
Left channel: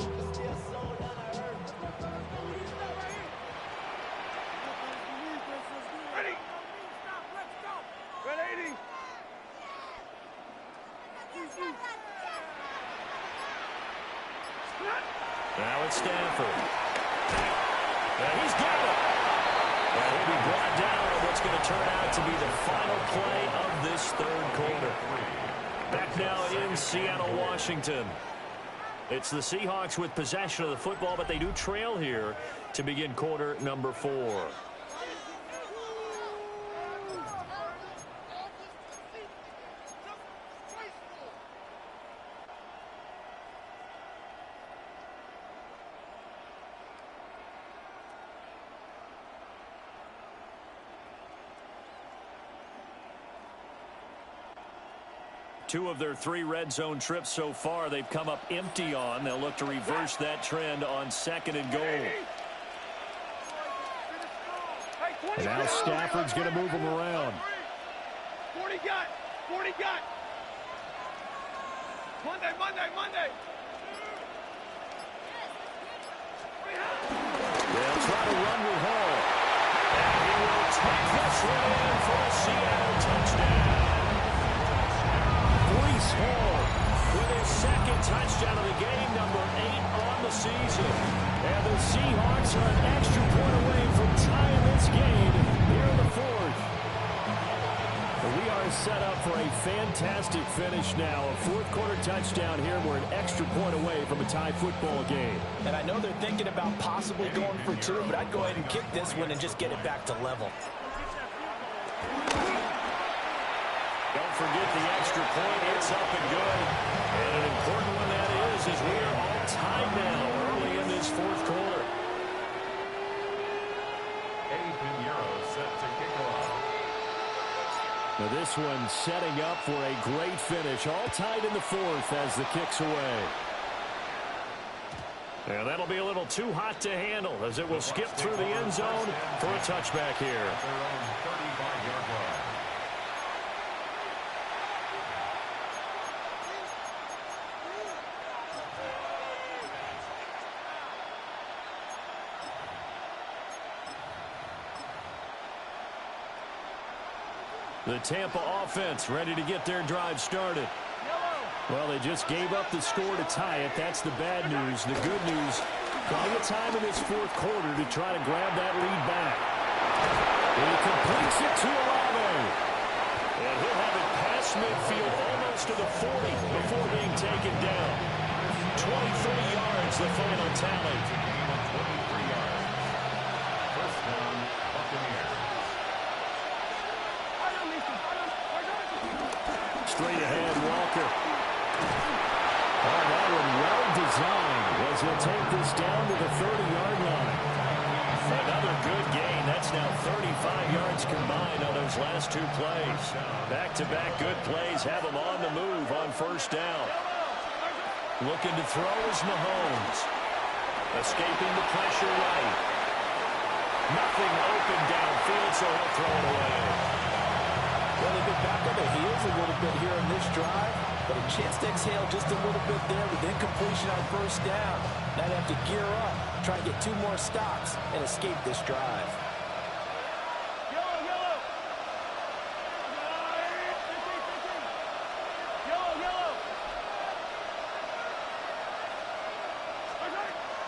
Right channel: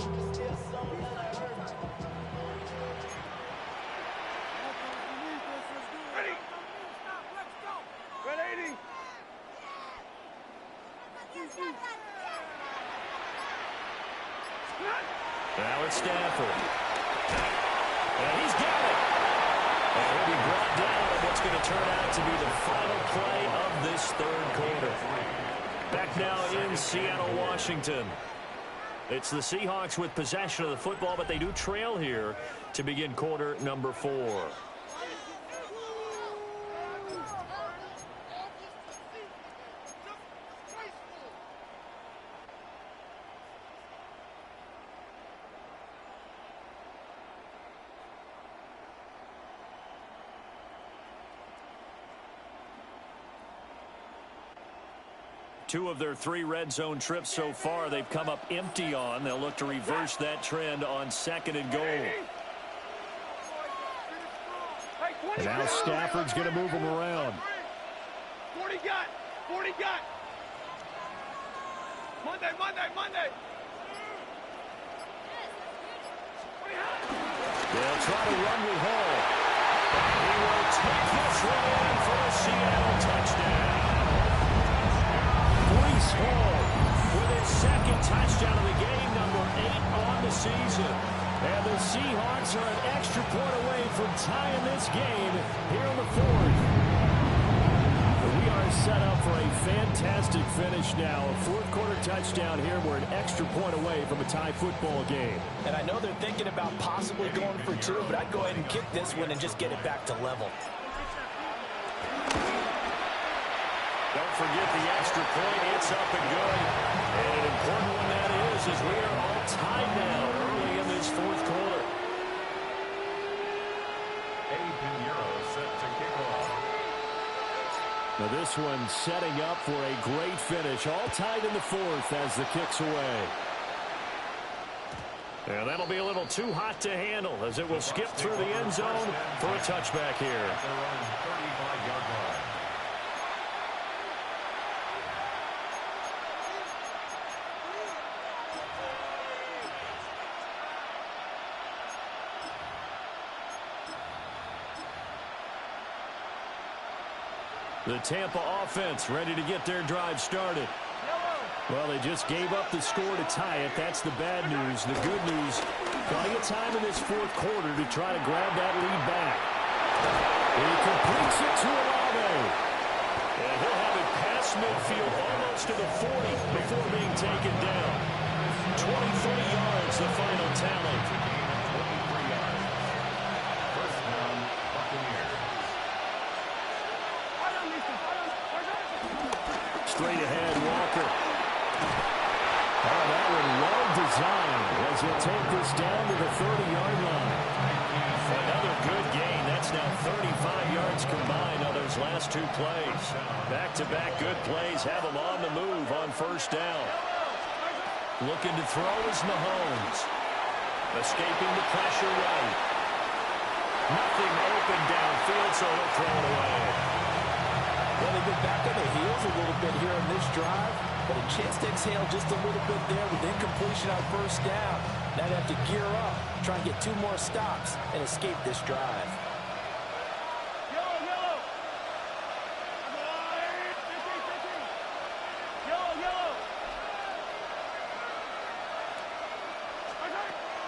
Now it's Stafford. And he's got it. And he'll be brought down on what's going to turn out to be the final play of this 3rd quarter. Back now in Seattle, Washington. It's the Seahawks with possession of the football, but they do trail here to begin quarter number 4. Two of their 3 red zone trips so far, they've come up empty on. They'll look to reverse that trend on 2nd and goal. And now Stafford's going to move them around. 40 got. 40 got. Monday. They'll try to run with Hall. And he will take this one in for a Seattle touchdown. Breece Hall with his 2nd touchdown of the game, number 8 on the season. And the Seahawks are an extra point away from tying this game here in the 4th. We are set up for a fantastic finish now. A fourth-quarter touchdown here. We're an extra point away from a tie football game. And I know they're thinking about possibly going for two, but I'd go ahead and kick this one and just get it back to level. Don't forget the extra point. It's up and good. And an important one that is, as we are all tied now early in this fourth quarter. Eddie Pinheiro set to kick off. Now this one setting up for a great finish. All tied in the fourth as the kick's away. And that'll be a little too hot to handle as it will skip through the end zone for a touchback here. At their own 35-yard line. The Tampa offense ready to get their drive started. Well, they just gave up the score to tie it. That's the bad news. The good news, plenty of time in this fourth quarter to try to grab that lead back. He completes it to Olave. And he'll have it past midfield almost to the 40 before being taken down. 23 yards, the final tally. It's a gain of 23 yards. First down, Buccaneers. Straight ahead, Walker. Oh, that one well designed as he'll take this down to the 30-yard line. Another good gain. That's now 35 yards combined on those last two plays. Back-to-back good plays have them on the move on first down. Looking to throw is Mahomes. Escaping the pressure right. Nothing open downfield, so he'll throw it away. Well, they've been back on their heels a little bit here in this drive, but a chance to exhale just a little bit there with incompletion on first down. Now they have to gear up, try and get two more stops, and escape this drive. Yellow.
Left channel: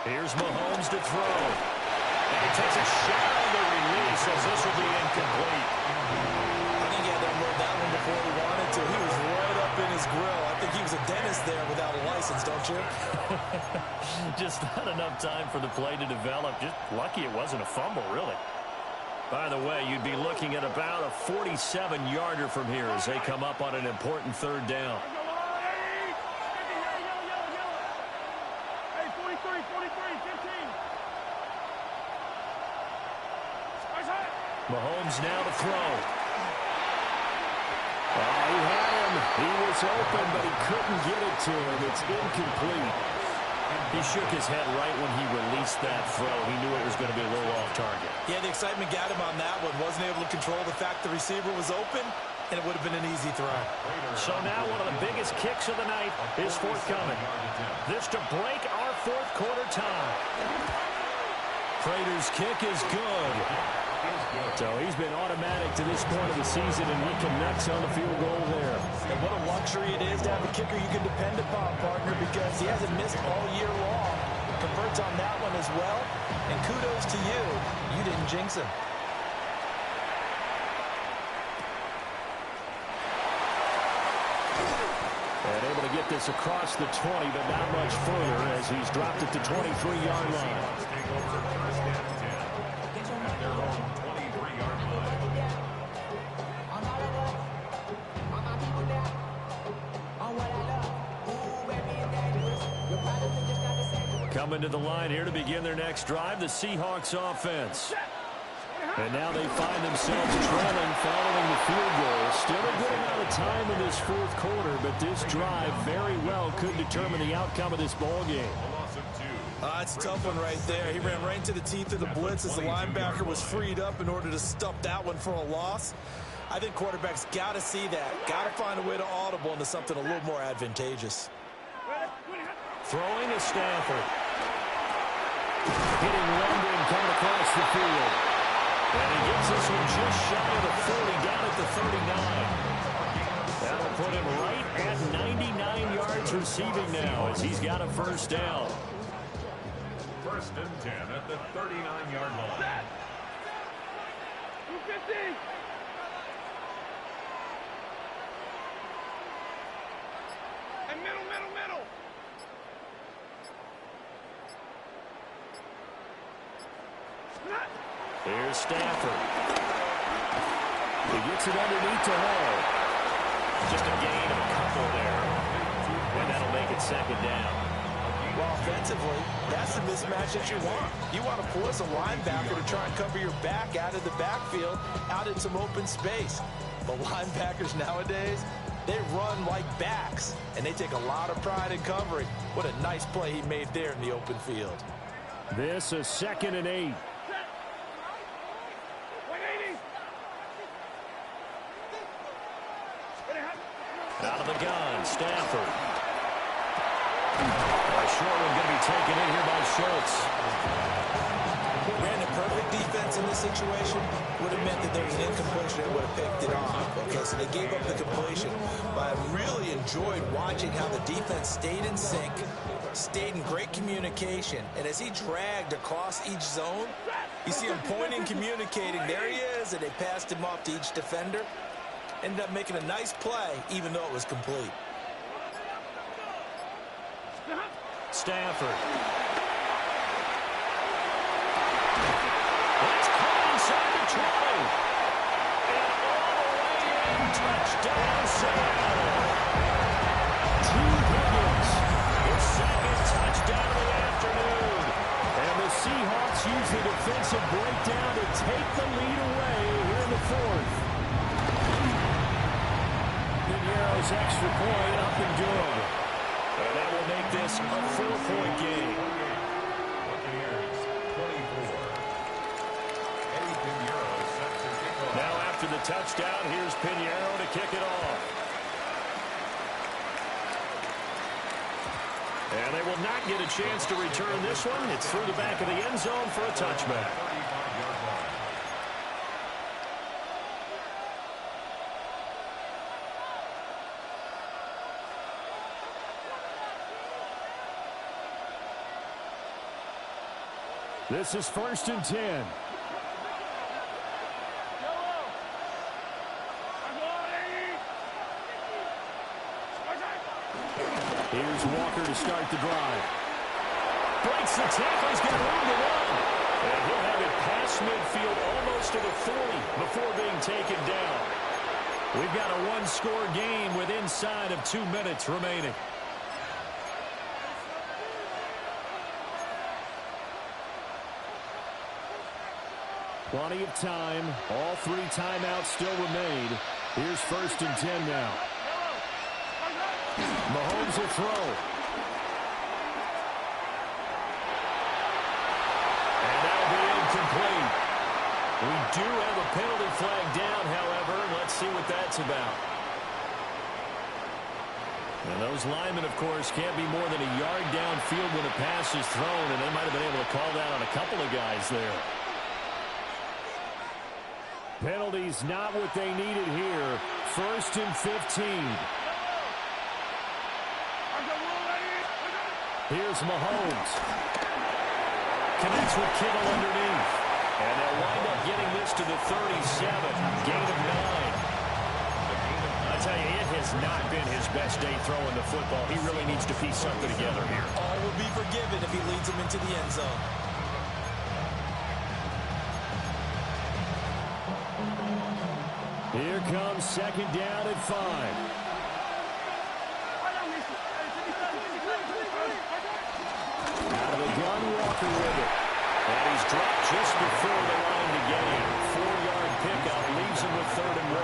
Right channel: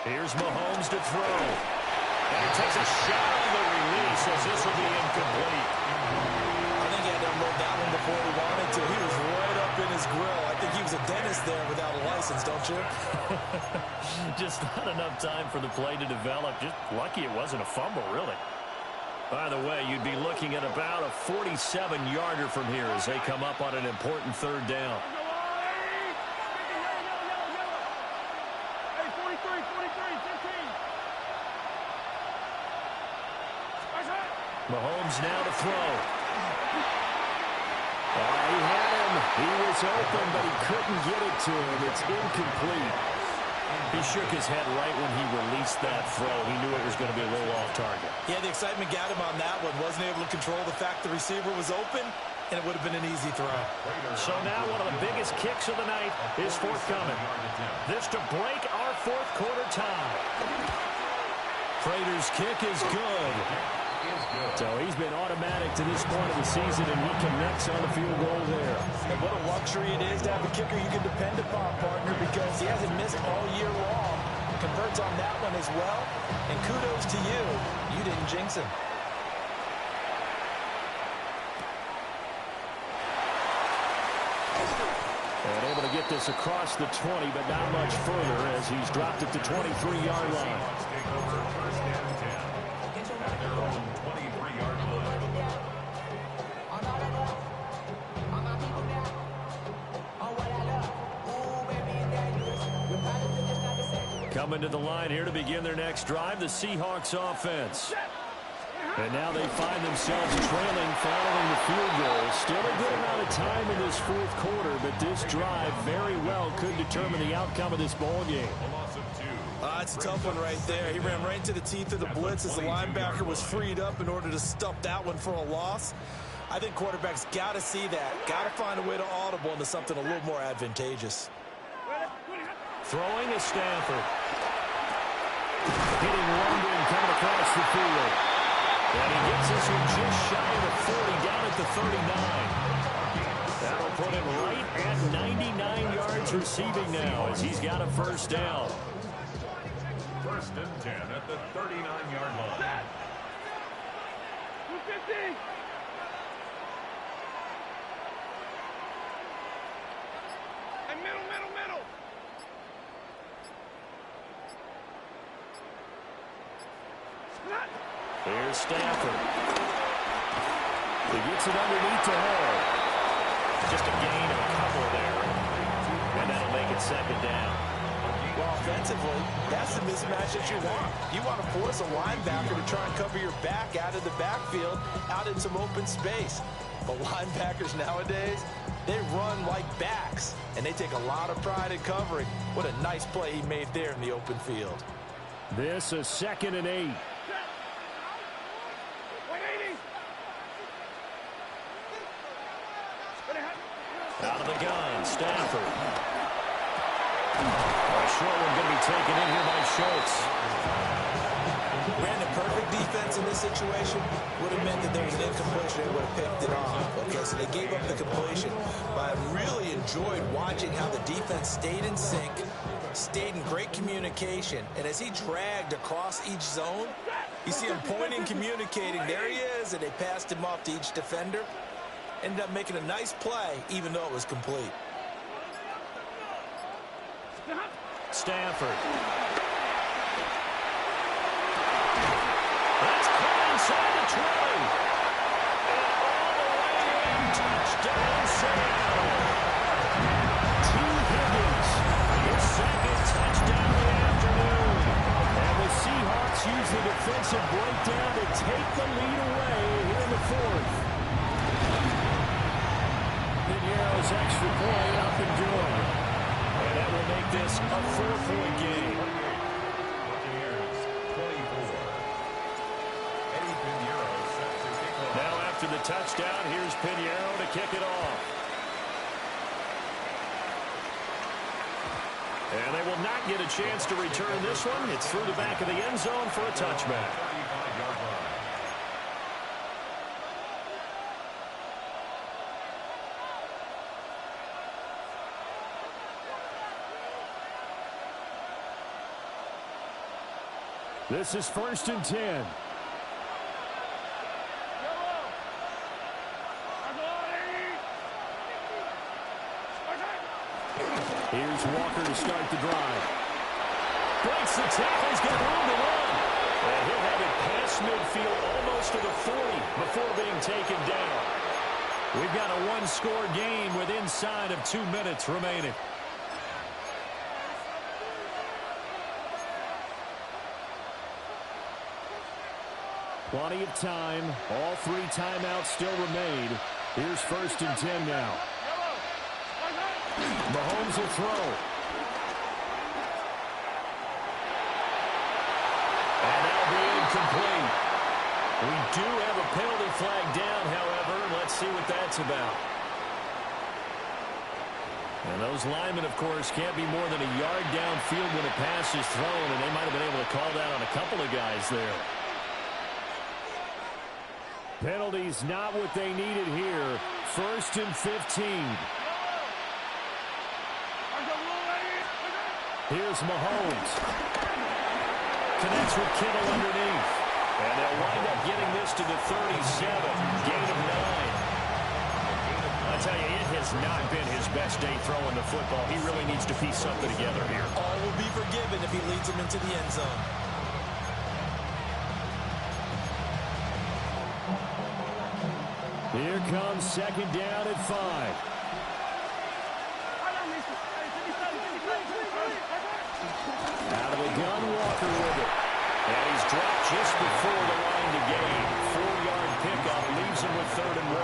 Here's Mahomes to throw. And he takes a shot on the release as this will be incomplete. I think he had to unload that one before he wanted to. He was right up in his grill. I think he was a dentist there without a license, don't you? Just not enough time for the play to develop. Just lucky it wasn't a fumble, really. By the way, you'd be looking at about a 47-yarder from here as they come up on an important third down. Hey, 43, 15. Mahomes now to throw. Oh, he had him. He was open, but he couldn't get it to him. It's incomplete. He shook his head right when he released that throw. He knew it was going to be a little off target. Yeah, the excitement got him on that one. Wasn't able to control the fact the receiver was open, and it would have been an easy throw. So now one of the biggest kicks of the night is forthcoming. This to break our fourth quarter tie. Prater's kick is good. So he's been automatic to this point of the season, and he connects on the field goal there. And what a luxury it is to have a kicker you can depend upon, partner, because he hasn't missed all year long. Converts on that one as well. And kudos to you. You didn't jinx him. And able to get this across the 20, but not much further as he's dropped it to 23-yard line. Seahawks take over first and 10 at their own 23-yard line. Coming to the line here to begin their next drive, the Seahawks offense. And now they find themselves trailing following the field goal. Still a good amount of time in this fourth quarter, but this drive very well could determine the outcome of this ball game. A loss of 2. It's a tough one right there. He ran right into the teeth of the blitz as the linebacker was freed up in order to stuff that one for a loss. I think quarterbacks got to see that. Got to find a way to audible into something a little more advantageous. Throwing is Stafford. Hitting London coming across the field. And he gets this one just shy of the 40, down at the 39. That'll put him right at 99 yards receiving now as he's got a first down. First and 10 at the 39-yard line. 250. Here's Stafford. He gets it underneath to Hall. Just a gain of a couple there. And that'll make it second down. Well, offensively, that's the mismatch that you want. You want to force a linebacker to try and cover your back out of the backfield, out in some open space. But linebackers nowadays, they run like backs, and they take a lot of pride in covering. What a nice play he made there in the open field. This is 2nd and 8. Out of the gun, Stafford. A short one going to be taken in here by Schultz. Ran the perfect defense in this situation. Would have meant that there was an incompletion. They would have picked it off. Okay, so they gave up the completion. But I really enjoyed watching how the defense stayed in sync, stayed in great communication. And as he dragged across each zone, you see him pointing, communicating. There he is, and they passed him off to each defender. Ended up making a nice play, even though it was complete. Stafford. That's caught inside the 20. And all the way in, touchdown Seattle. T. Higgins, his second touchdown of the afternoon. And the Seahawks use the defensive breakdown to take the lead away here in the 4th. Piñeiro's extra point up and good. And that will make this a 4-point game. Now after the touchdown, here's Piñeiro to kick it off. And they will not get a chance to return this one. It's through the back of the end zone for a touchback. This is 1st and 10. Here's Walker to start the drive. Breaks the tackle. He's got room to run. And he'll have it past midfield almost to the 40 before being taken down. We've got a one-score game with inside of 2 minutes remaining. Plenty of time. All 3 timeouts still remain. Here's 1st and 10 now. Mahomes will throw. And that'll be incomplete. We do have a penalty flag down, however. Let's see what that's about. And those linemen, of course, can't be more than a yard downfield when a pass is thrown, and they might have been able to call that on a couple of guys there. Penalties not what they needed here. 1st and 15. Here's Mahomes. Connects with Kittle underneath. And they'll wind up getting this to the 37. Gain of 9. I tell you, it has not been his best day throwing the football. He really needs to piece something together here. All will be forgiven if he leads them into the end zone. Here comes 2nd down at 5. Out of the gun, Walker with it. And he's dropped just before the line to gain. 4-yard pickup leaves him with 3rd and 1.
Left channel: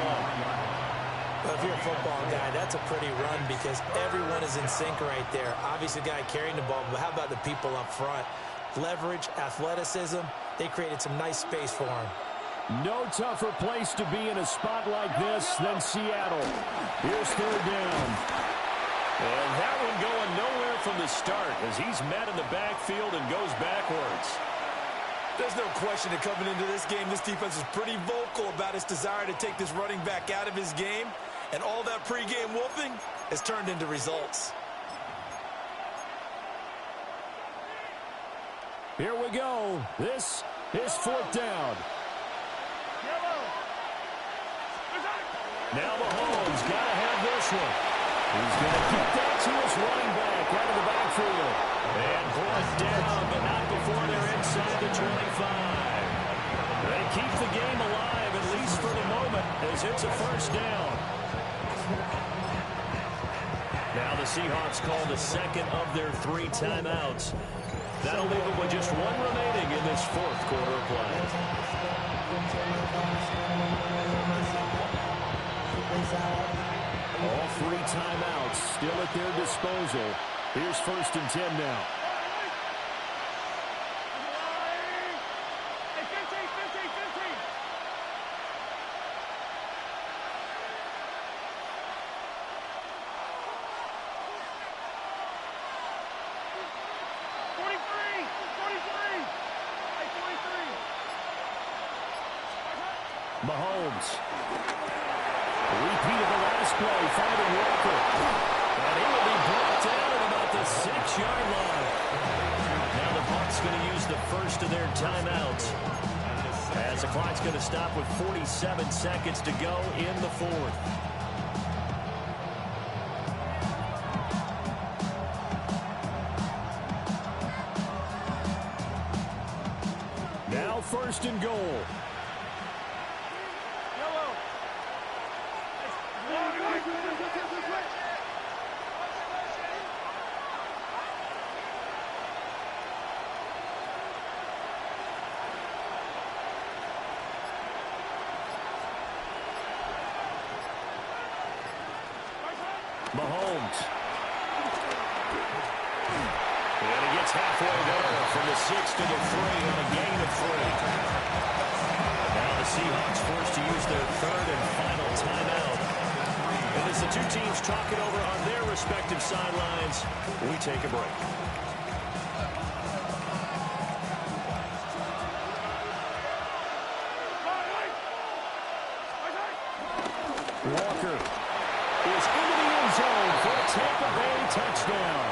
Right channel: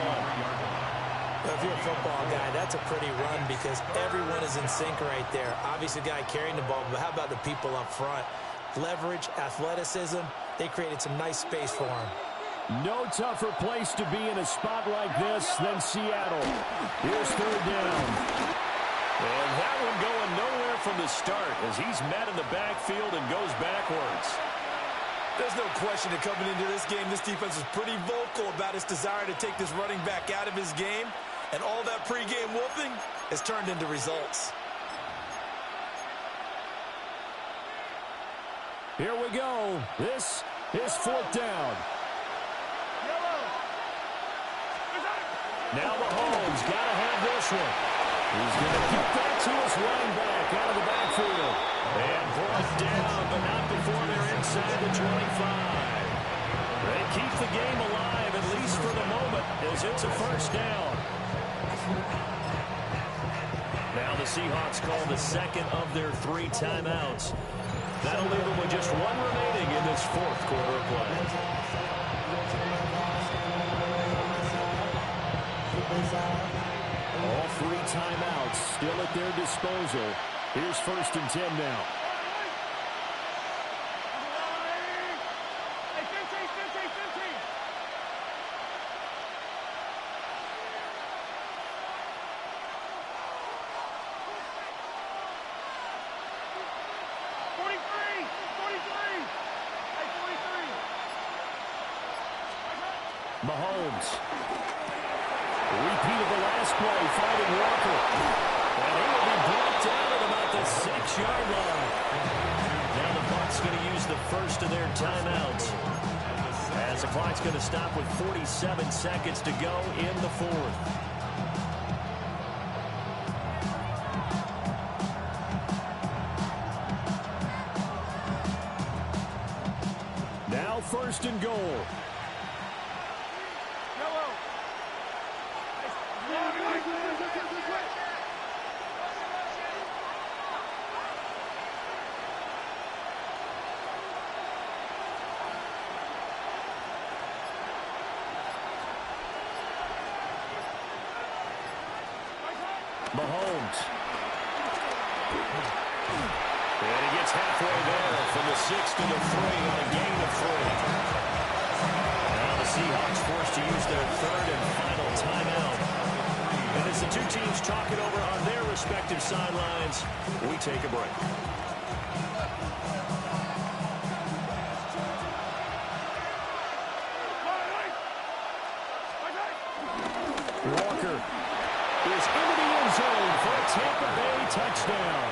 Well, if you're a football guy, that's a pretty run because everyone is in sync right there. Obviously, the guy carrying the ball, but how about the people up front? Leverage, athleticism, they created some nice space for him. No tougher place to be in a spot like this than Seattle. Here's 3rd down. And that one going nowhere from the start as he's met in the backfield and goes backwards. There's no question that coming into this game, this defense was pretty vocal about its desire to take this running back out of his game. And all that pregame wolfing has turned into results. Here we go. This is 4th down. Now Mahomes got to have this one. He's going to kick that to his running back out of the backfield. And brought down, but not before they're inside the 25. They keep the game alive, at least for the moment, as it's a first down. Now the Seahawks call the second of their 3 timeouts. That'll leave them with just 1 remaining in this fourth quarter of play. All 3 timeouts still at their disposal. Here's 1st and 10 now. Mahomes. Repeat of the last play, finding Walker. And he will be brought down at about the 6-yard line. Now the Bucs going to use the first of their timeouts, as the clock's going to stop with 47 seconds to go in the fourth. Now 1st and goal. Mahomes. And he gets halfway there from the 6 to the 3 on a gain of 3. Now the Seahawks forced to use their 3rd and final timeout. And as the 2 teams talk it over on their respective sidelines, we take a break. Walker is into the end zone for a Tampa Bay touchdown.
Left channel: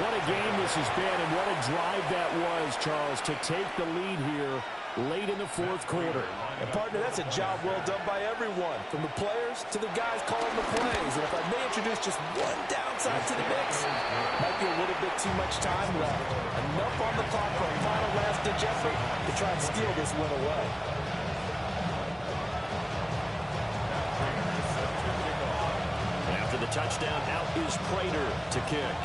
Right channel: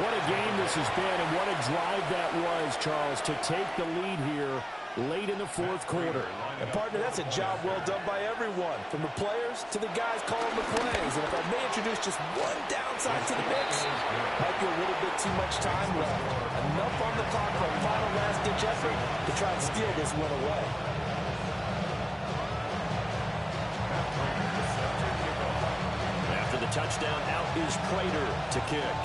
What a game this has been, and what a drive that was, Charles, to take the lead here late in the fourth quarter. And, partner, that's a job well done by everyone, from the players to the guys calling the plays. And if I may introduce just one downside to the mix, might be a little bit too much time left. Enough on the clock for a final last-ditch effort to try and steal this win away. After the touchdown, out is Prater to kick.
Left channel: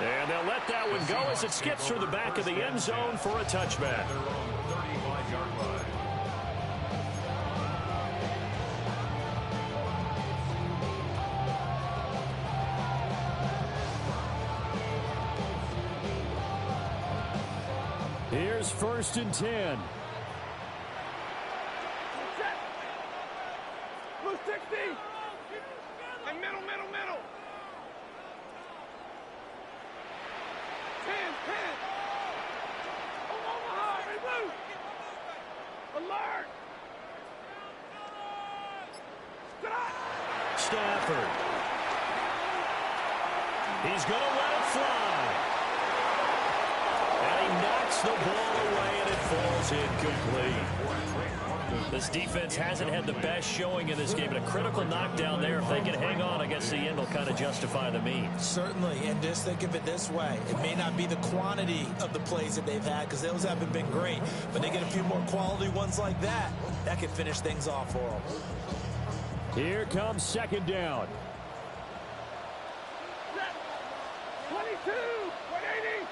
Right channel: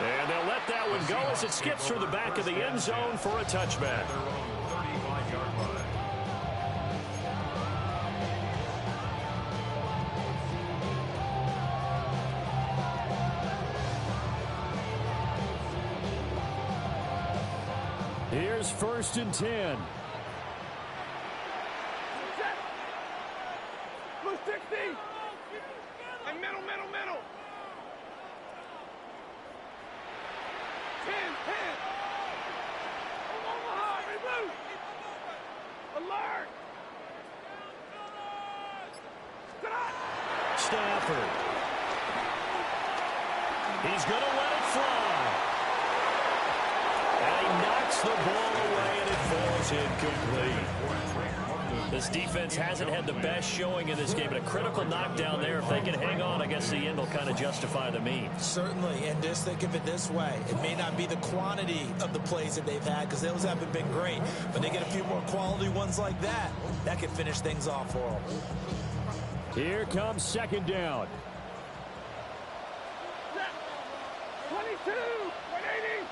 And they'll let that one go as it skips through the back of the end zone for a touchback. Their own 35-yard line. Here's 1st and 10. Blue 60. And middle. 10. Omaha, blue. Alert. Stafford. He's going to let it fly. And he knocks the ball away, and it falls incomplete. This defense hasn't had the best showing in this game, but a critical knockdown there. If they can hang on, I guess the end will kind of justify the means. Certainly, and just think of it this way. It may not be the quantity of the plays that they've had, because those haven't been great, but they get a few more quality ones like that. That could finish things off for them. Here comes 2nd down. 22. 180.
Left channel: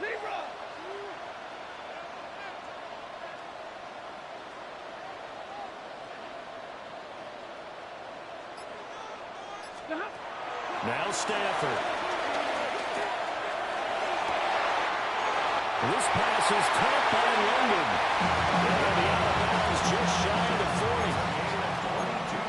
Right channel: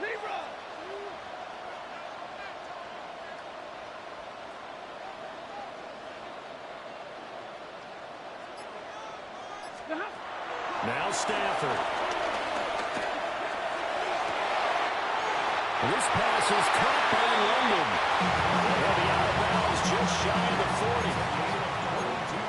Zebra. Now Stafford. This pass is caught by London. And the out of bounds just shy of the 40.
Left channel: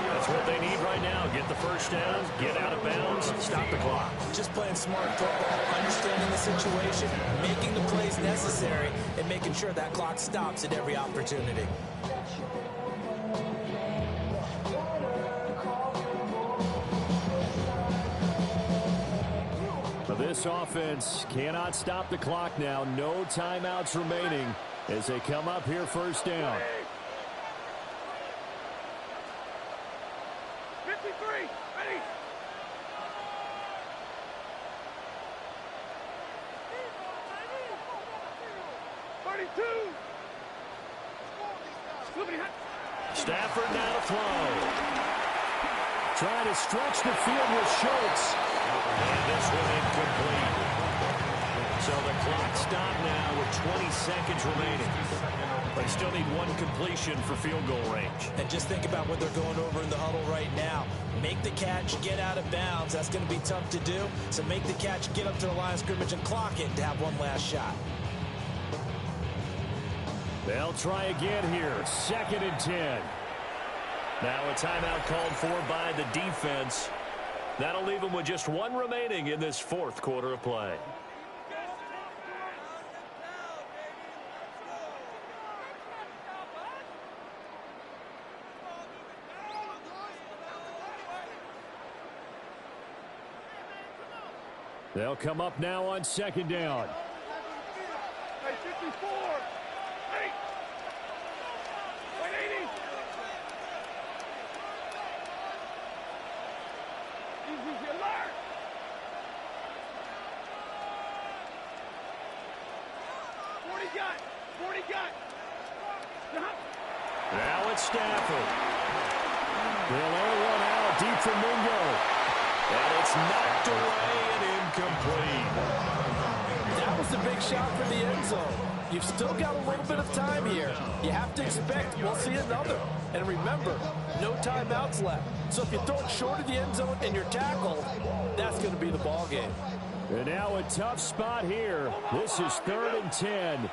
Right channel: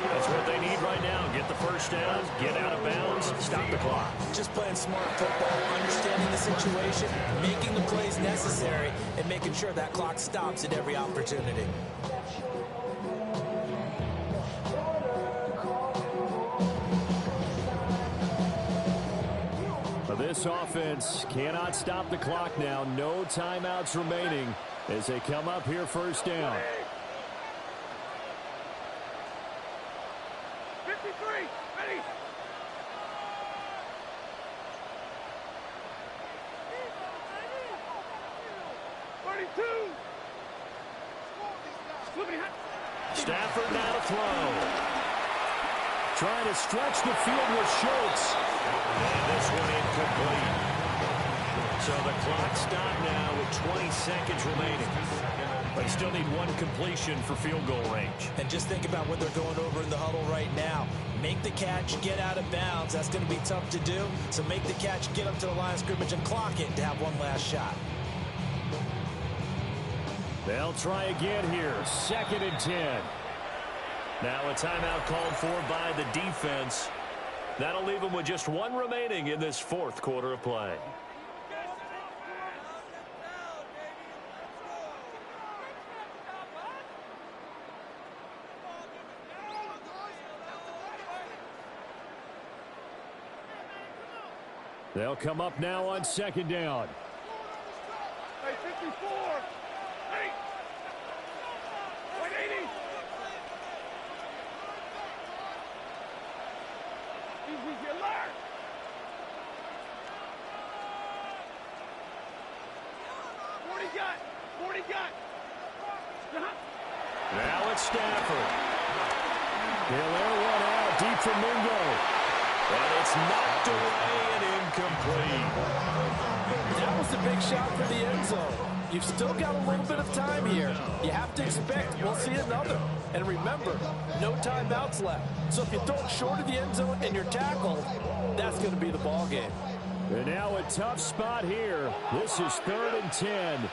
That's what they need right now. Get the first down, get out of bounds, stop the clock. Just playing smart football, understanding the situation, making the plays necessary, and making sure that clock stops at every opportunity. This offense cannot stop the clock now. No timeouts remaining as they come up here 1st down. 32. Stafford now to throw. Trying to stretch the field with Schultz. And this one incomplete. So the clock stopped now with 20 seconds remaining. They still need one completion for field goal range. And just think about what they're going over in the huddle right now. Make the catch, get out of bounds. That's going to be tough to do. So make the catch, get up to the line of scrimmage, and clock it to have one last shot. They'll try again here. 2nd and 10. Now a timeout called for by the defense. That'll leave them with just one remaining in this 4th quarter of play. They'll come up now on 2nd down. Hey, 54. Hey. 180. Easy, alert. Forty got. Now it's Stafford. They'll air one out deep from Mingo. And it's knocked away and incomplete. That was a big shot for the end zone. You've still got a little bit of time here. You have to expect we'll see another. And remember, no timeouts left. So if you throw it short of the end zone and you're tackled, that's going to be the ball game. And now a tough spot here. This is 3rd and 10.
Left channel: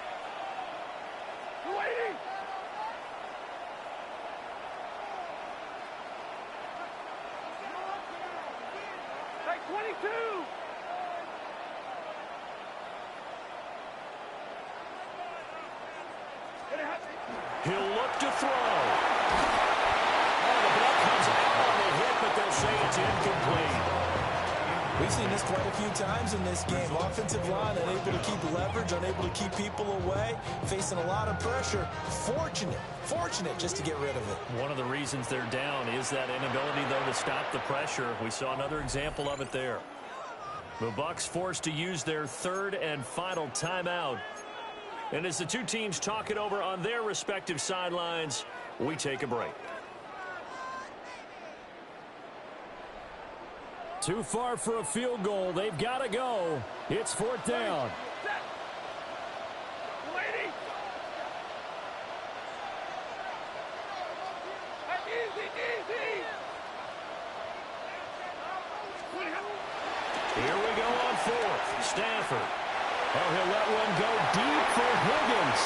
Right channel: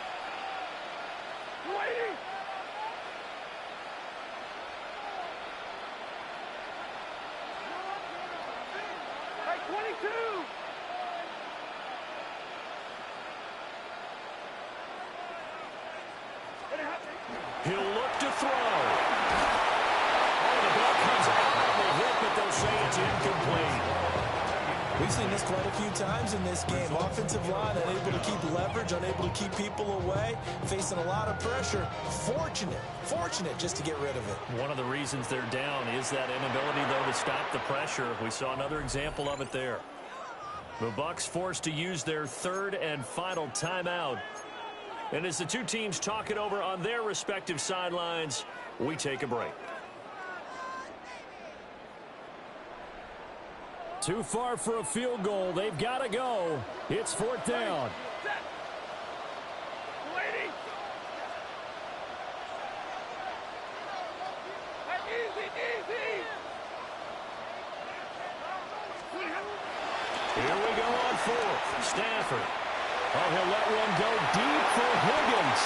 Hey, 22. He'll look to throw. Oh, the ball comes out on the hit, but they'll say it's incomplete. We've seen this quite a few times in this game. Offensive line unable to keep leverage, unable to keep people away, facing a lot of pressure. Fortunate just to get rid of it. One of the reasons they're down is that inability, though, to stop the pressure. We saw another example of it there. The Bucs forced to use their 3rd and final timeout. And as the two teams talk it over on their respective sidelines, we take a break. Too far for a field goal. They've got to go. It's 4th down. Easy. Here we go on 4th. Stafford. Oh, he'll let one go deep for Higgins.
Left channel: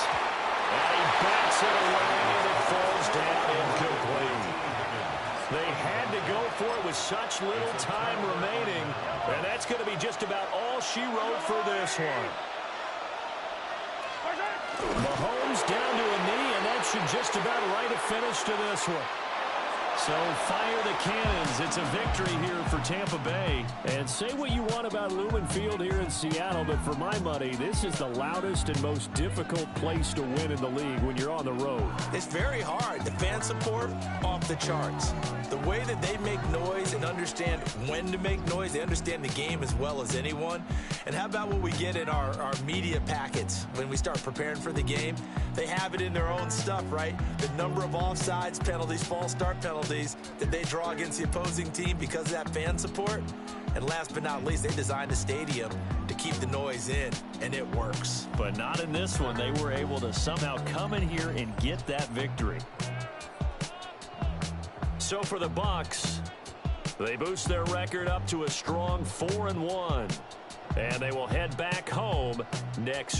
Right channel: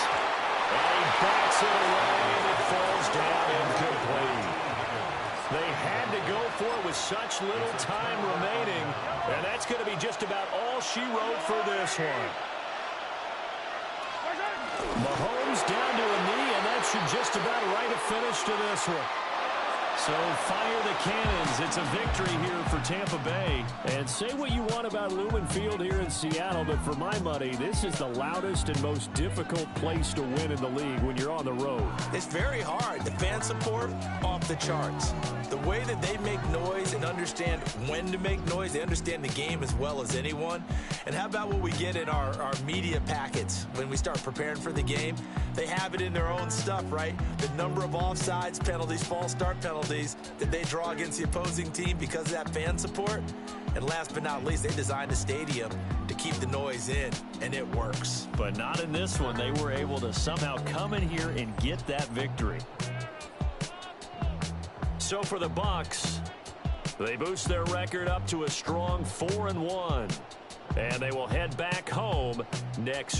And he bats it away, and it falls down incomplete. They had to go for it with such little time remaining, and that's going to be just about all she wrote for this one. Mahomes down to a knee, and that should just about write a finish to this one. So fire the cannons. It's a victory here for Tampa Bay. And say what you want about Lumen Field here in Seattle, but for my money, this is the loudest and most difficult place to win in the league when you're on the road. It's very hard. The fan support, off the charts. The way that they make noise and understand when to make noise, they understand the game as well as anyone. And how about what we get in our media packets when we start preparing for the game? They have it in their own stuff, right? The number of offsides penalties, false start penalties that they draw against the opposing team because of that fan support. And last but not least, they designed a stadium to keep the noise in, and it works. But not in this one. They were able to somehow come in here and get that victory. So for the Bucs, they boost their record up to a strong 4-1. And they will head back home next